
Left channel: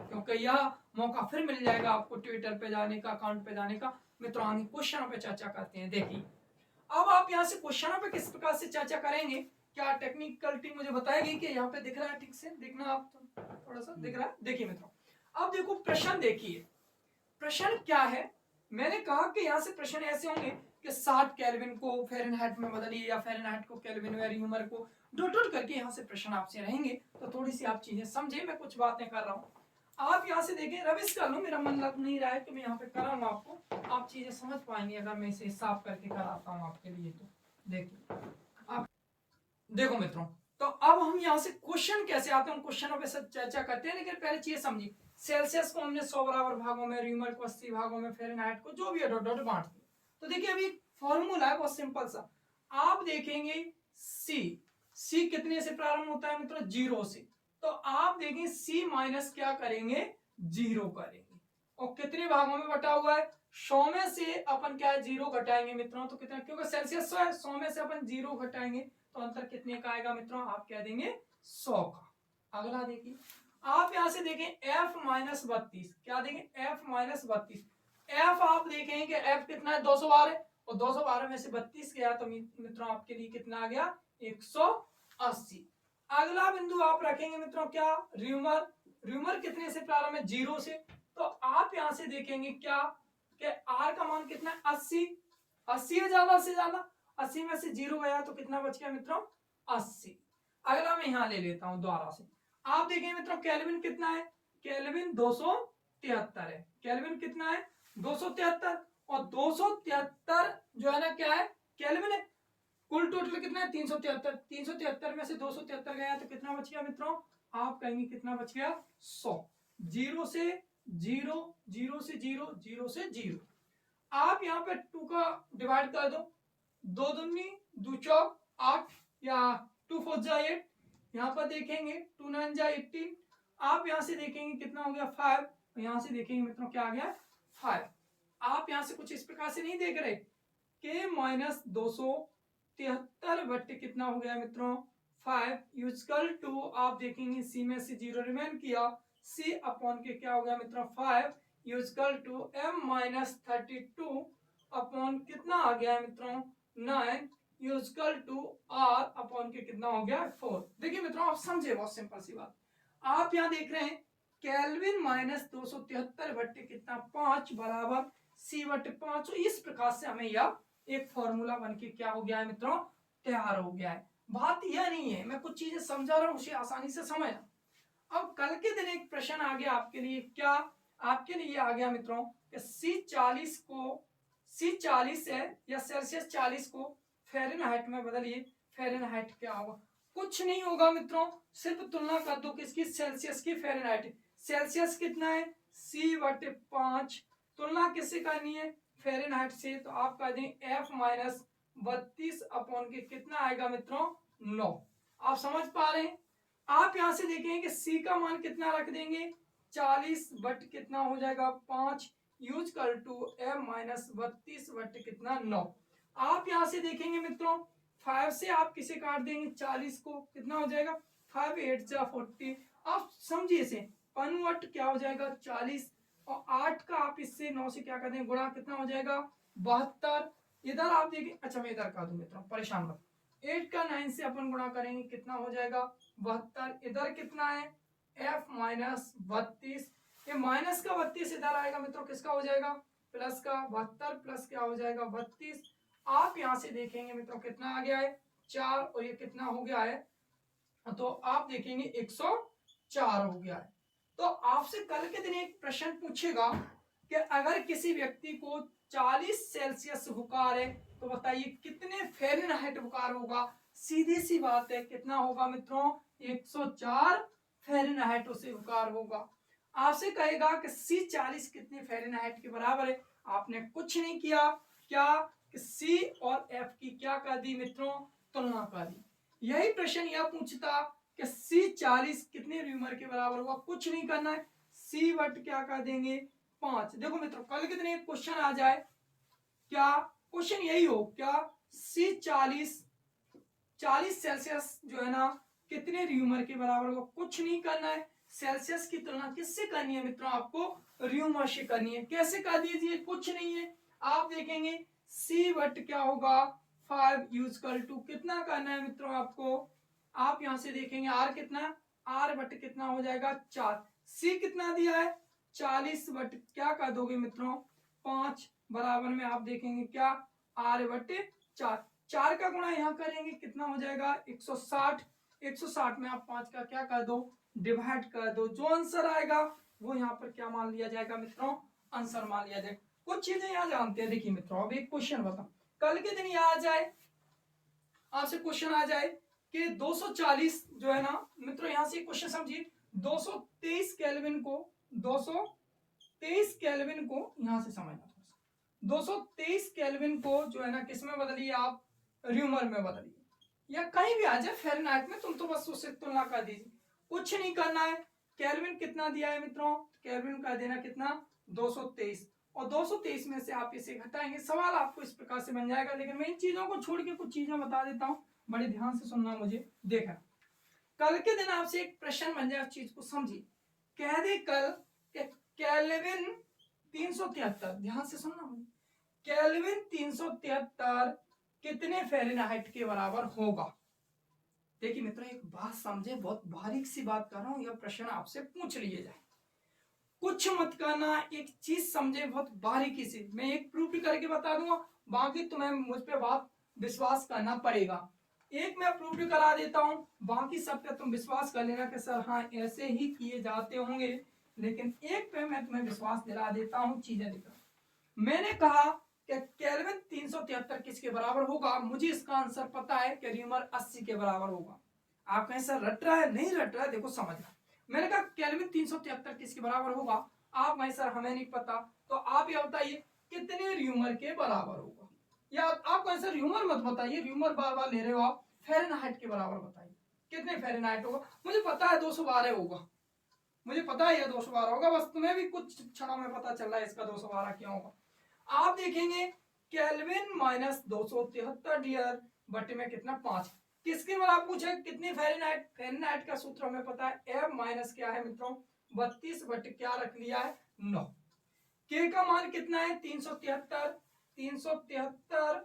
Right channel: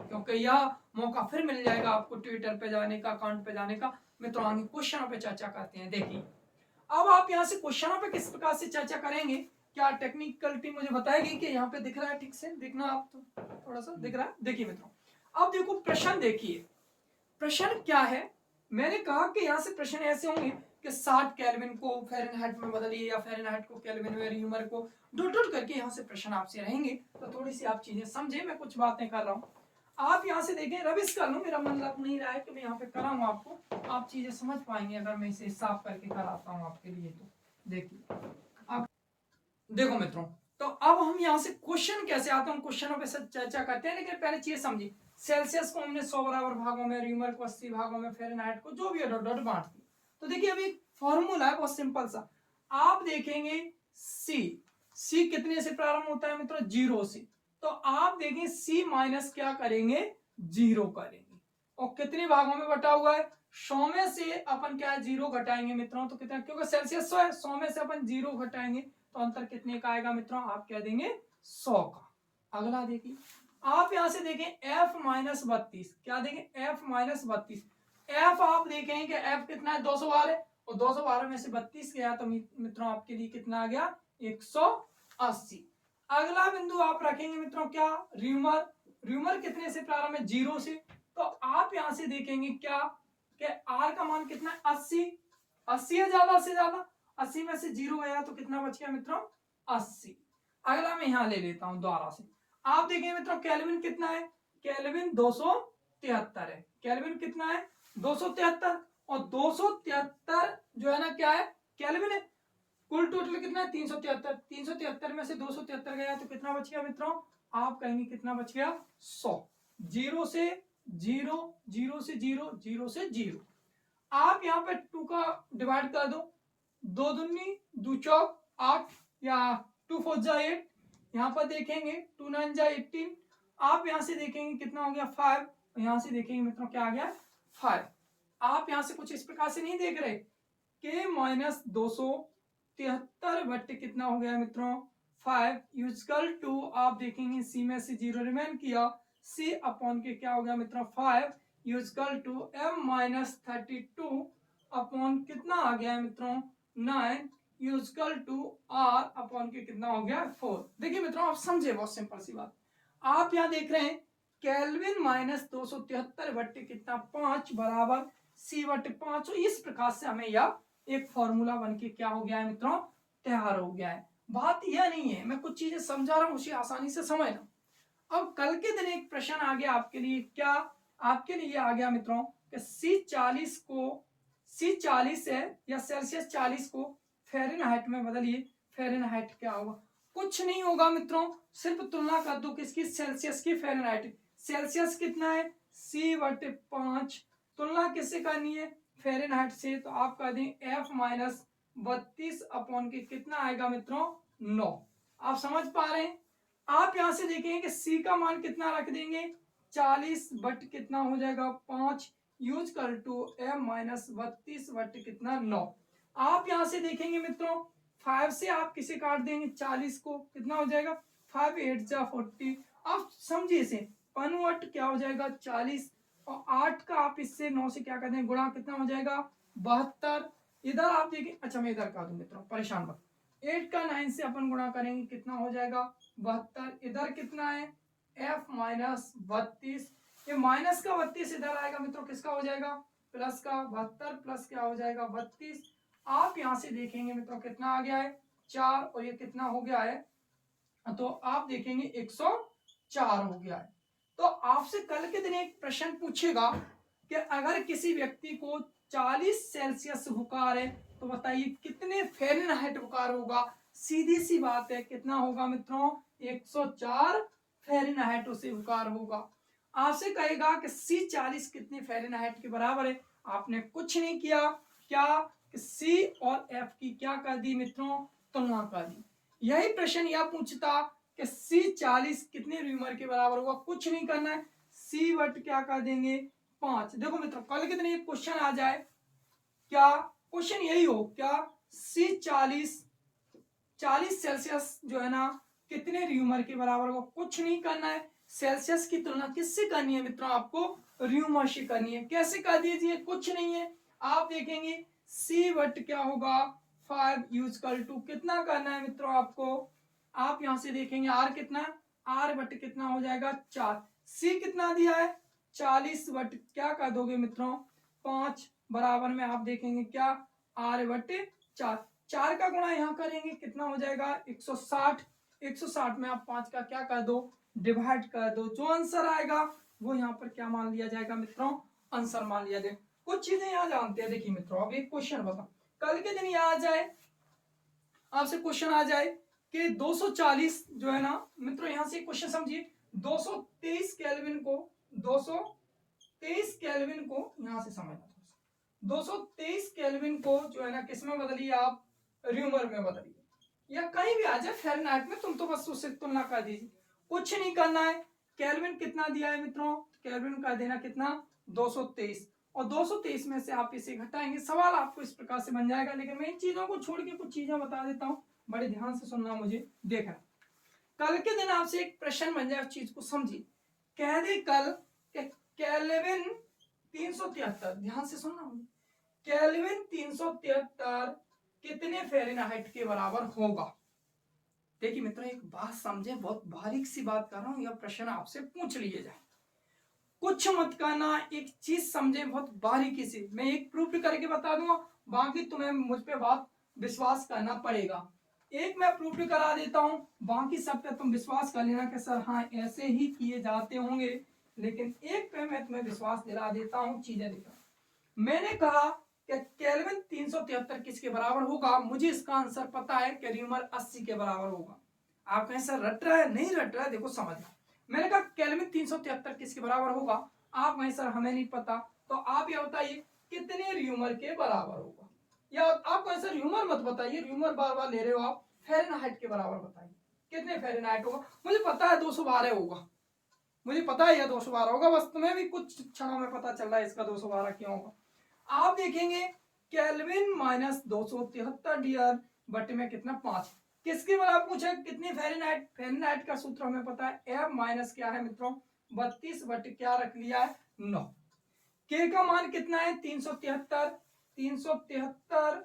क्योंकि यह मौका फिर मिल जाएगा आपको ट्विटर पे जाने का, अकाउंट पे जाने का। मित्रों आगे क्वेश्चनों पे चर्चा करते हैं। देखिए अब आप यहाँ से क्वेश्चनों पे किस प्रकार से चर्चा करेंगे, क्या टेक्निकल टीम मुझे बताएगी कि यहाँ पे दिख रहा है ठीक से, दिखना आप तो थोड़ा सा दिख रहा है। देखिए मित्रों अब देखो प्रश्न, देखिए प्रश्न क्या है। मैंने कहा कि यहाँ से प्रश्न ऐसे होंगे कि 60 केल्विन को फ़ारेनहाइट में बदलिए या फ़ारेनहाइट को केल्विन में, ह्यूमर को डॉट डॉट करके यहाँ से प्रश्न आपसे रहेंगे। तो थोड़ी सी आप चीजें समझे, मैं कुछ बातें कर रहा हूँ, आप यहाँ से देखें, रविश कर लो, मेरा मन लग नहीं रहा है कि मैं यहाँ पे कराऊँ आपको, आप चीजें समझ पाएंगे अगर मैं इसे साफ करके कराता हूँ आपके लिए। तो देखिए आप देखो मित्रों, तो अब हम यहाँ से क्वेश्चन कैसे आते हैं, क्वेश्चनों पे चर्चा करते हैं, लेकिन पहले चीज समझिए। सेल्सियस को हमने 100 बराबर भागों में, र्यूमर को 80 भागों में, फ़ारेनहाइट को जो भी है डॉट डॉट बांट दिया। तो देखिए अभी एक फॉर्मूला है बहुत सिंपल सा, आप देखेंगे सी कितने से प्रारंभ होता है मित्रों, 0 से, तो आप देखेंगे सी माइनस क्या करेंगे, 0 करेंगे, और कितने भागों में बटा हुआ है, 100 में से अपन क्या है 0 घटाएंगे मित्रों, तो कितना, क्योंकि सेल्सियस 100 है, 100 में से अपन 0 घटाएंगे तो अंतर कितने का आएगा मित्रों, आप कह देंगे 100 का। अगला देखिए आप यहां से देखें f माइनस 32, क्या देंगे f माइनस 32, f आप देखें कि f कितना है 212 है, और 212 में से 32 गया तो मित्रों आपके लिए कितना आ गया 180। अगला बिंदु आप रखेंगे मित्रों क्या, र्यूमर, र्यूमर कितने से प्रारंभ है, 0 से, तो आप यहां से देखेंगे क्या कि r का मान कितना है 80, 80 है ज्यादा से ज्यादा, 80 में से 0 गया तो कितना बच गया मित्रों 80। अगला मैं यहां ले लेता हूं दोबारा से, आप देखें मित्रों केल्विन कितना है, केल्विन 273 है, केल्विन कितना है 273, और 273 जो है ना क्या है केल्विन है, कुल टोटल कितना है 373, 373 में से 273 गया तो कितना बच गया मित्रों, आप कहेंगे कितना बच गया 100, 0 से 0, 0 से 0, 0 से 0, आप यहाँ पे 2 का डिवाइड कर दो, 2 दूनी 2 चौक 8, या 2 4 जा 8, यहाँ पर देखेंगे 2 9 जा 18, आप यहाँ से देखेंगे कितना हो गया 5, यहाँ से देखेंगे मित्रों क्या आ गया 5। आप यहाँ से कुछ इस प्रकार से नहीं देख रहे, के माइनस 273 बट्टे कितना हो गया मित्रों 5 यूजकल टू, आप देखेंगे सी में से 0 रिमेन किया, सी अपॉन के क्या हो गया मित्रों 5 यूजकल टू m माइनस 32 अपॉन कितना आ गया है मित्रों 9 यूजकल टू r अपॉन के कितना हो गया 4। देखिए मित्रों आप समझे, बहुत सिंपल सी बात, आप यहाँ देख रहे हैं केल्विन माइनस 273 बट्टे कितना 5 बराबर सी बट्टे 5, तो इस प्रकार से हमें यह एक फॉर्मूला बन के क्या हो गया है मित्रों तैयार हो गया है। बात यह नहीं है, मैं कुछ चीजें समझा रहा हूं उसे आसानी से समझना। अब कल के दिन एक प्रश्न आ गया आपके लिए, क्या आपके लिए आ गया मित्रों कि C40 को, C40 है या सेल्सियस 40 को फ़ारेनहाइट में बदलिए, फ़ारेनहाइट क्या होगा, कुछ नहीं होगा मित्रों, सिर्फ तुलना कर दो किसकी, सेल्सियस की फ़ारेनहाइट, सेल्सियस कितना है C/5, तुलना किससे करनी है फ़ारेनहाइट से, तो आप कर दें f माइनस 32 अपॉन के कितना आएगा मित्रों 9। आप समझ पा रहे हैं, आप यहां से देखेंगे कि C का मान कितना रख देंगे 40 बट कितना हो जाएगा 5 यूज कर टू m माइनस 32 बट कितना 9। आप यहां से देखेंगे मित्रों 5 से आप किसे काट देंगे 40 को, कितना हो जाएगा 5 8 जा 40, आप समझिए इसे, कन्वर्ट क्या हो जाएगा 40, और 8 का आप इससे 9 से क्या कर देंगे गुणा, कितना हो जाएगा 72, इधर आप देखिए, अच्छा मैं इधर कर दूं मित्रों, परेशान मत। 8 का 9 से अपन गुणा करेंगे, कितना हो जाएगा 72। इधर कितना है f माइनस 32, ये माइनस का 32 इधर आएगा मित्रों, किसका हो जाएगा प्लस का 72, प्लस क्या हो जाएगा 32। आप यहां से देखेंगे मित्रों कितना आ गया है 4, और ये कितना हो गया है, तो आप देखेंगे 104 हो गया है। तो आपसे कल के दिन एक प्रश्न पूछेगा कि अगर किसी व्यक्ति को 40 सेल्सियस बुखार है तो बताइए कितने फ़ारेनहाइट बुखार होगा। सीधी सी बात है, कितना होगा मित्रों 104 फ़ारेनहाइट उसे बुखार होगा। आपसे कहेगा कि C40 कितने फ़ारेनहाइट के बराबर है, आपने कुछ नहीं किया, क्या C और F की क्या कर दी मित्रों तुलना कर दी। यही प्रश्न यह पूछता कि C40 कितने र्यूमर के बराबर होगा, कुछ नहीं करना है, C वट क्या कर देंगे 5। देखो मित्रों कल के दिन एक क्वेश्चन आ जाए, क्या क्वेश्चन यही हो, क्या C40 सेल्सियस जो है ना कितने र्यूमर के बराबर होगा, कुछ नहीं करना है। सेल्सियस की तुलना किससे करनी है मित्रों, आपको र्यूमर से करनी है। कैसे कर दीजिए, कुछ नहीं है, आप देखेंगे C वट क्या होगा 5 यूज कर टू, कितना करना है मित्रों आपको, आप यहां से देखेंगे R कितना, R वट कितना हो जाएगा 4, C कितना दिया है 40 वट क्या कर दोगे मित्रों 5, बराबर में आप देखेंगे क्या R वट 4, 4 का गुणा यहां करेंगे कितना हो जाएगा 160, 160 में आप 5 का क्या कर दो डिवाइड कर दो, जो आंसर आएगा वो यहाँ पर क्या मान लिया जाएगा मित्रों आंसर मान लिया जाए। कुछ चीजें यहाँ जानते हैं, देखिए मित्रों अब एक क्वेश्चन बता, कल के दिन यहाँ आ जाए आपसे क्वेश्चन आ जाए कि 240 जो है ना मित्रों, यहां से क्वेश्चन समझिए 223 केल्विन को 223 केल्विन को यहां से समझना थोड़ा सा, 223 केल्विन को जो है ना किस में बदलिए आप र्यूमर में बदलिए, या कहीं भी आ जाए फ़ारेनहाइट में, तुम तो बस उससे तुलना कर दीजिए, कुछ नहीं करना है। केल्विन कितना दिया है मित्रों, केल्विन का देना कितना 223, और 223 में से आप इसे घटाएंगे, सवाल आपको इस प्रकार से बन जाएगा। लेकिन मैं इन चीजों को छोड़ के कुछ चीजें बता देता हूं, बड़े ध्यान से सुनना, मुझे देखना, कल के दिन आपसे एक प्रश्न बन जाए, उस चीज को समझिए। कह दे कल केल्विन 373, ध्यान से सुनना मुझे, केल्विन 373 कितने फ़ारेनहाइट के बराबर होगा। देखिए मित्रों एक बात समझे, बहुत बारीक सी बात कर रहा हूं, यह प्रश्न आपसे पूछ लिए जाए, कुछ मत करना, एक चीज समझे बहुत बारीकी से, मैं एक प्रूफ करके बता दूंगा, बाकी तुम्हें मुझ पे बात विश्वास करना पड़ेगा। एक मैं प्रूफ करा देता हूं, बाकी सब पे तुम विश्वास कर लेना कि सर हाँ ऐसे ही किए जाते होंगे, लेकिन एक पे मैं तुम्हें विश्वास दिला देता हूं, चीजें दिख रहा। मैंने कहा कि केल्विन 373 किसके बराबर होगा, मुझे इसका आंसर पता है कि र्यूमर 80 के बराबर होगा। आप कहें सर रट रहा है, नहीं रट रहा है, देखो समझना, मैंने कहा केल्विन 373 किसके बराबर होगा, आप कहें सर हमें नहीं पता, तो आप ये बताइए कितने र्यूमर के बराबर होगा, या आप कहें सर र्यूमर मत बताइए, र्यूमर बार बार ले रहे हो आप, फ़ारेनहाइट के बराबर बताइए कितने फ़ारेनहाइट होगा। मुझे पता है 212 होगा, मुझे पता है यह 212 होगा, बस तुम्हें भी कुछ क्षणों में पता चल रहा है इसका 212 क्यों होगा। आप देखेंगे केल्विन माइनस 273 डियर बटे में कितना 5, किसके बराबर पूछा, कितनी फ़ारेनहाइट, फ़ारेनहाइट का सूत्र हमें पता है एफ माइनस क्या है मित्रों 32 बटे क्या रख लिया है 9, के का मान कितना है 373, 373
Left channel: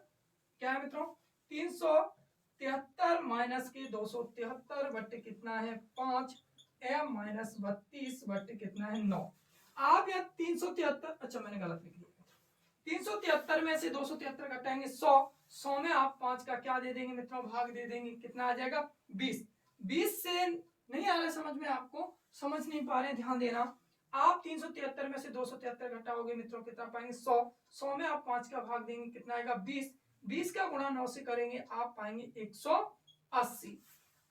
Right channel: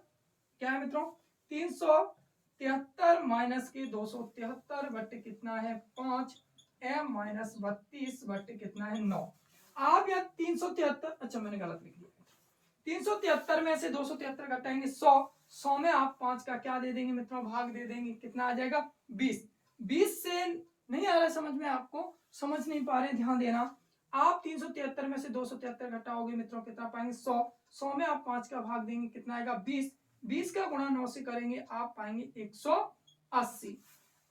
क्या है मित्रों 373 माइनस के 273 बटे कितना है 5, एम माइनस 32 बटे कितना है 9। आप यहाँ 373, अच्छा मैंने गलत लिख दिया, 373 में से 273 घटाएंगे 100, 100 में आप 5 का क्या दे देंगे मित्रों भाग दे देंगे, कितना आ जाएगा 20, 20 से नहीं आ रहा समझ में, आपको समझ नहीं पा रहे, ध्यान देना, आप 373 में से 273 घटाओगे मित्रों कितना पाएंगे 100, 100 में आप 5 का भाग देंगे कितना आएगा 20, 20 का गुणा 9 से करेंगे आप पाएंगे 180।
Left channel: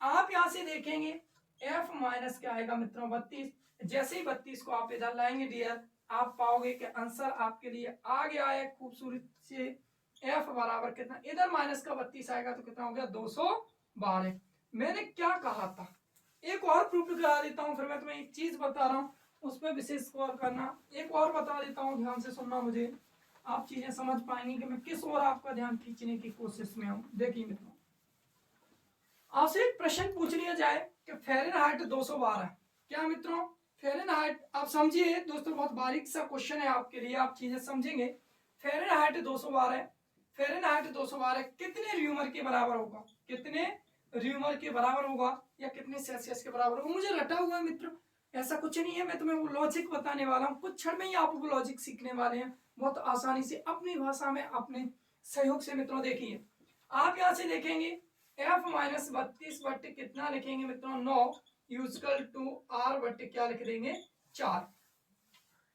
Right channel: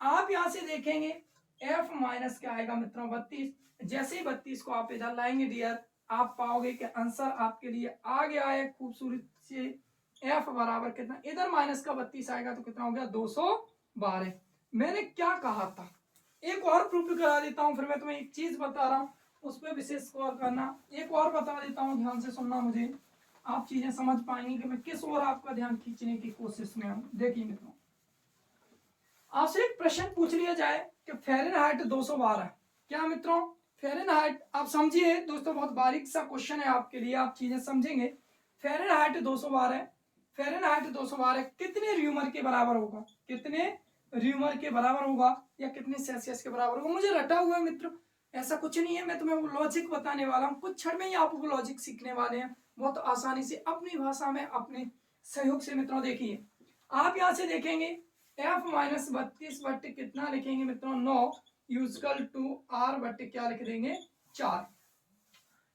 आप यहां से देखेंगे f माइनस क्या आएगा मित्रों 32, जैसे ही 32 को आप इधर लाएंगे डियर, आप पाओगे कि आंसर आपके लिए आ गया है खूबसूरत से, f बराबर कितना, इधर माइनस का 32 आएगा तो कितना हो गया 212। मैंने क्या कहा था, एक और प्रूफ करा देता हूं, फिर मैं तुम्हें एक चीज बता रहा हूं उस पर विशेष गौर करना, एक और बता देता हूं, ध्यान से सुनना, मुझे आप चीजें समझ पाएंगे कि मैं किस ओर आपका ध्यान खींचने की कोशिश में हूं। देखिए मित्रों आपसे एक प्रश्न पूछ लिया जाए कि फ़ारेनहाइट 212, क्या मित्रों फ़ारेनहाइट, आप समझिए दोस्तों बहुत बारीक सा क्वेश्चन है आपके लिए, आप चीजें समझेंगे, फ़ारेनहाइट 212, फ़ारेनहाइट 212 कितने र्यूमर के बराबर होगा, कितने र्यूमर के बराबर होगा या कितने सेल्सियस के बराबर होगा। मुझे रटा हुआ है मित्र, ऐसा कुछ नहीं है, मैं तुम्हें वो लॉजिक बताने वाला हूँ, कुछ क्षण में ही आप वो लॉजिक सीखने वाले हैं बहुत आसानी से अपनी भाषा में अपने सहयोग से। मित्रों देखिए, आप यहाँ से देखेंगे F-32 बट्टे कितना लिखेंगे मित्रों 9 यूजकल टू R बट्टे क्या लिख देंगे 4।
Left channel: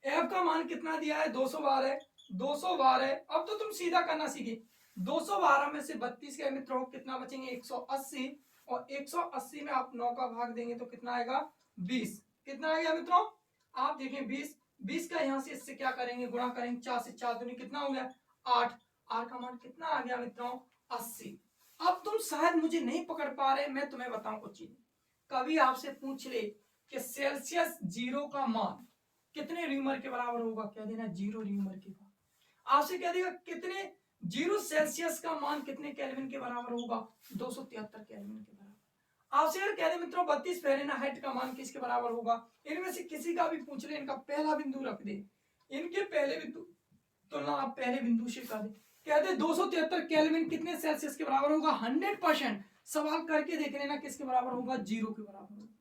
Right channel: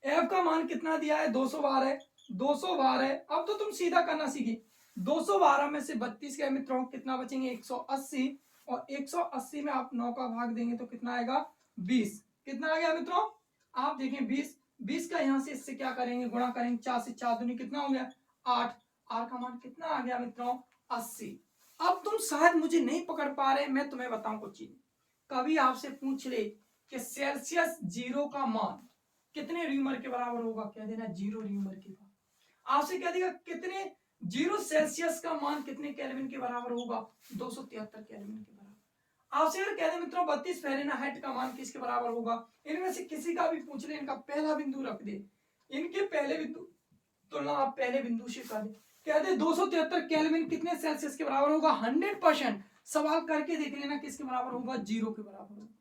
F का मान कितना दिया है 212, 212। अब तो तुम सीधा करना सीखे, 212 में से 32 गए मित्रों कितना बचेंगे 180, और 180 में आप 9 का भाग देंगे तो कितना आएगा 20। कितना आ गया मित्रों, आप देखें 20, 20 का यहां से इससे क्या करेंगे गुणा करेंगे, 4 से 4 दूनी कितना हो गया 8, R का मान कितना आ गया मित्रों 80। अब तुम शायद मुझे नहीं पकड़ पा रहे, मैं तुम्हें बताऊं कुछ चीज। कभी आपसे पूछ ले कि सेल्सियस 0 का मान कितने र्यूमर के बराबर होगा, कह देना 0 र्यूमर के बराबर। आपसे कह देगा कितने 0 सेल्सियस का मान कितने केल्विन के बराबर होगा, 273 केल्विन के बराबर। आपसे अगर कह दे मित्रों 32 फ़ारेनहाइट का मान किसके बराबर होगा, इनमें से किसी का भी पूछ ले, इनका पहला बिंदु रख दे, इनके पहले बिंदु तुलना आप पहले बिंदु से कर दे, कह दे 273 केल्विन कितने सेल्सियस के बराबर होगा, 100% सवाल करके देख लेना किसके बराबर होगा, 0 के बराबर होगा।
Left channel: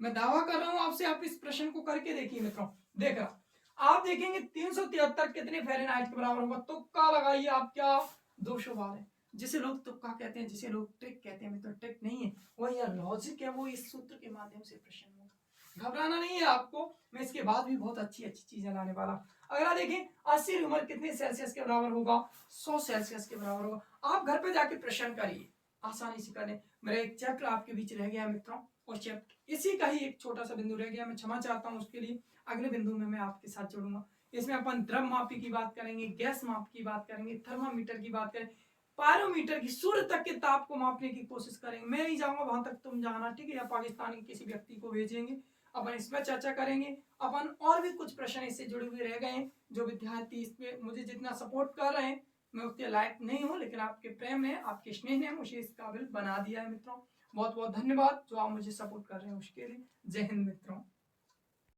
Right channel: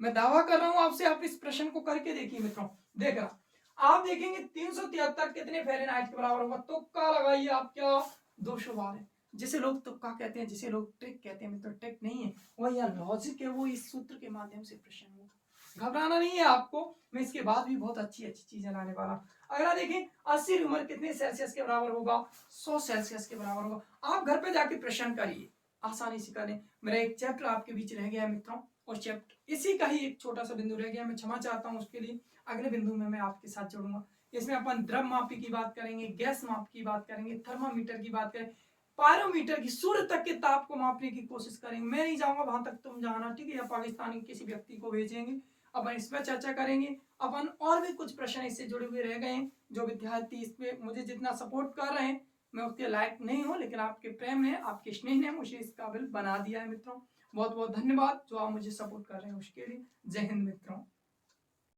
मैं दावा कर रहा हूं आपसे, आप इस प्रश्न को करके देखिए मित्रों। देख रहा आप देखेंगे 373 कितने फ़ारेनहाइट के बराबर होगा, तुक्का लगाइए आप, क्या 212, जिसे लोग तुक्का कहते हैं, जिसे लोग ट्रिक कहते हैं मित्रों, ट्रिक नहीं है वह यह लॉजिक है, वो इस सूत्र के माध्यम से प्रश्न होगा। घबराना नहीं है आपको, मैं इसके बाद भी बहुत अच्छी अच्छी चीजें लाने वाला हूं। अगला देखिए 80 र्यूमर कितने सेल्सियस के बराबर होगा, 100 सेल्सियस के बराबर होगा। आप घर पे जाके प्रश्न करिए, आसानी से कर लें। मेरा एक चैप्टर आपके बीच रह गया है मित्रों, और चैप्टर इसी का ही एक छोटा सा बिंदु रह गया, मैं क्षमा चाहता हूं उसके लिए। अगले बिंदु में मैं आपके साथ जुड़ूंगा, इसमें अपन द्रव मापी की बात करेंगे, गैस माप की बात करेंगे, थर्मामीटर की बात करेंगे, पायरोमीटर की सूर्य तक के ताप को मापने की कोशिश करेंगे। मैं नहीं जाऊंगा वहां तक, तुम जाना, ठीक है, या पाकिस्तान के किसी व्यक्ति को भेजेंगे, अपन इसमें चर्चा करेंगे। अपन और भी कुछ प्रश्न इससे जुड़े हुए रह गए हैं, जो विद्यार्थी इस पे मुझे जितना सपोर्ट कर रहे हैं, मैं उतने लायक नहीं हूं, लेकिन आपके प्रेम है, आपके स्नेह ने मुझे इस काबिल बना दिया है मित्रों। बहुत बहुत धन्यवाद जो आप मुझे सपोर्ट कर रहे हैं उसके लिए। जय हिंद मित्रों।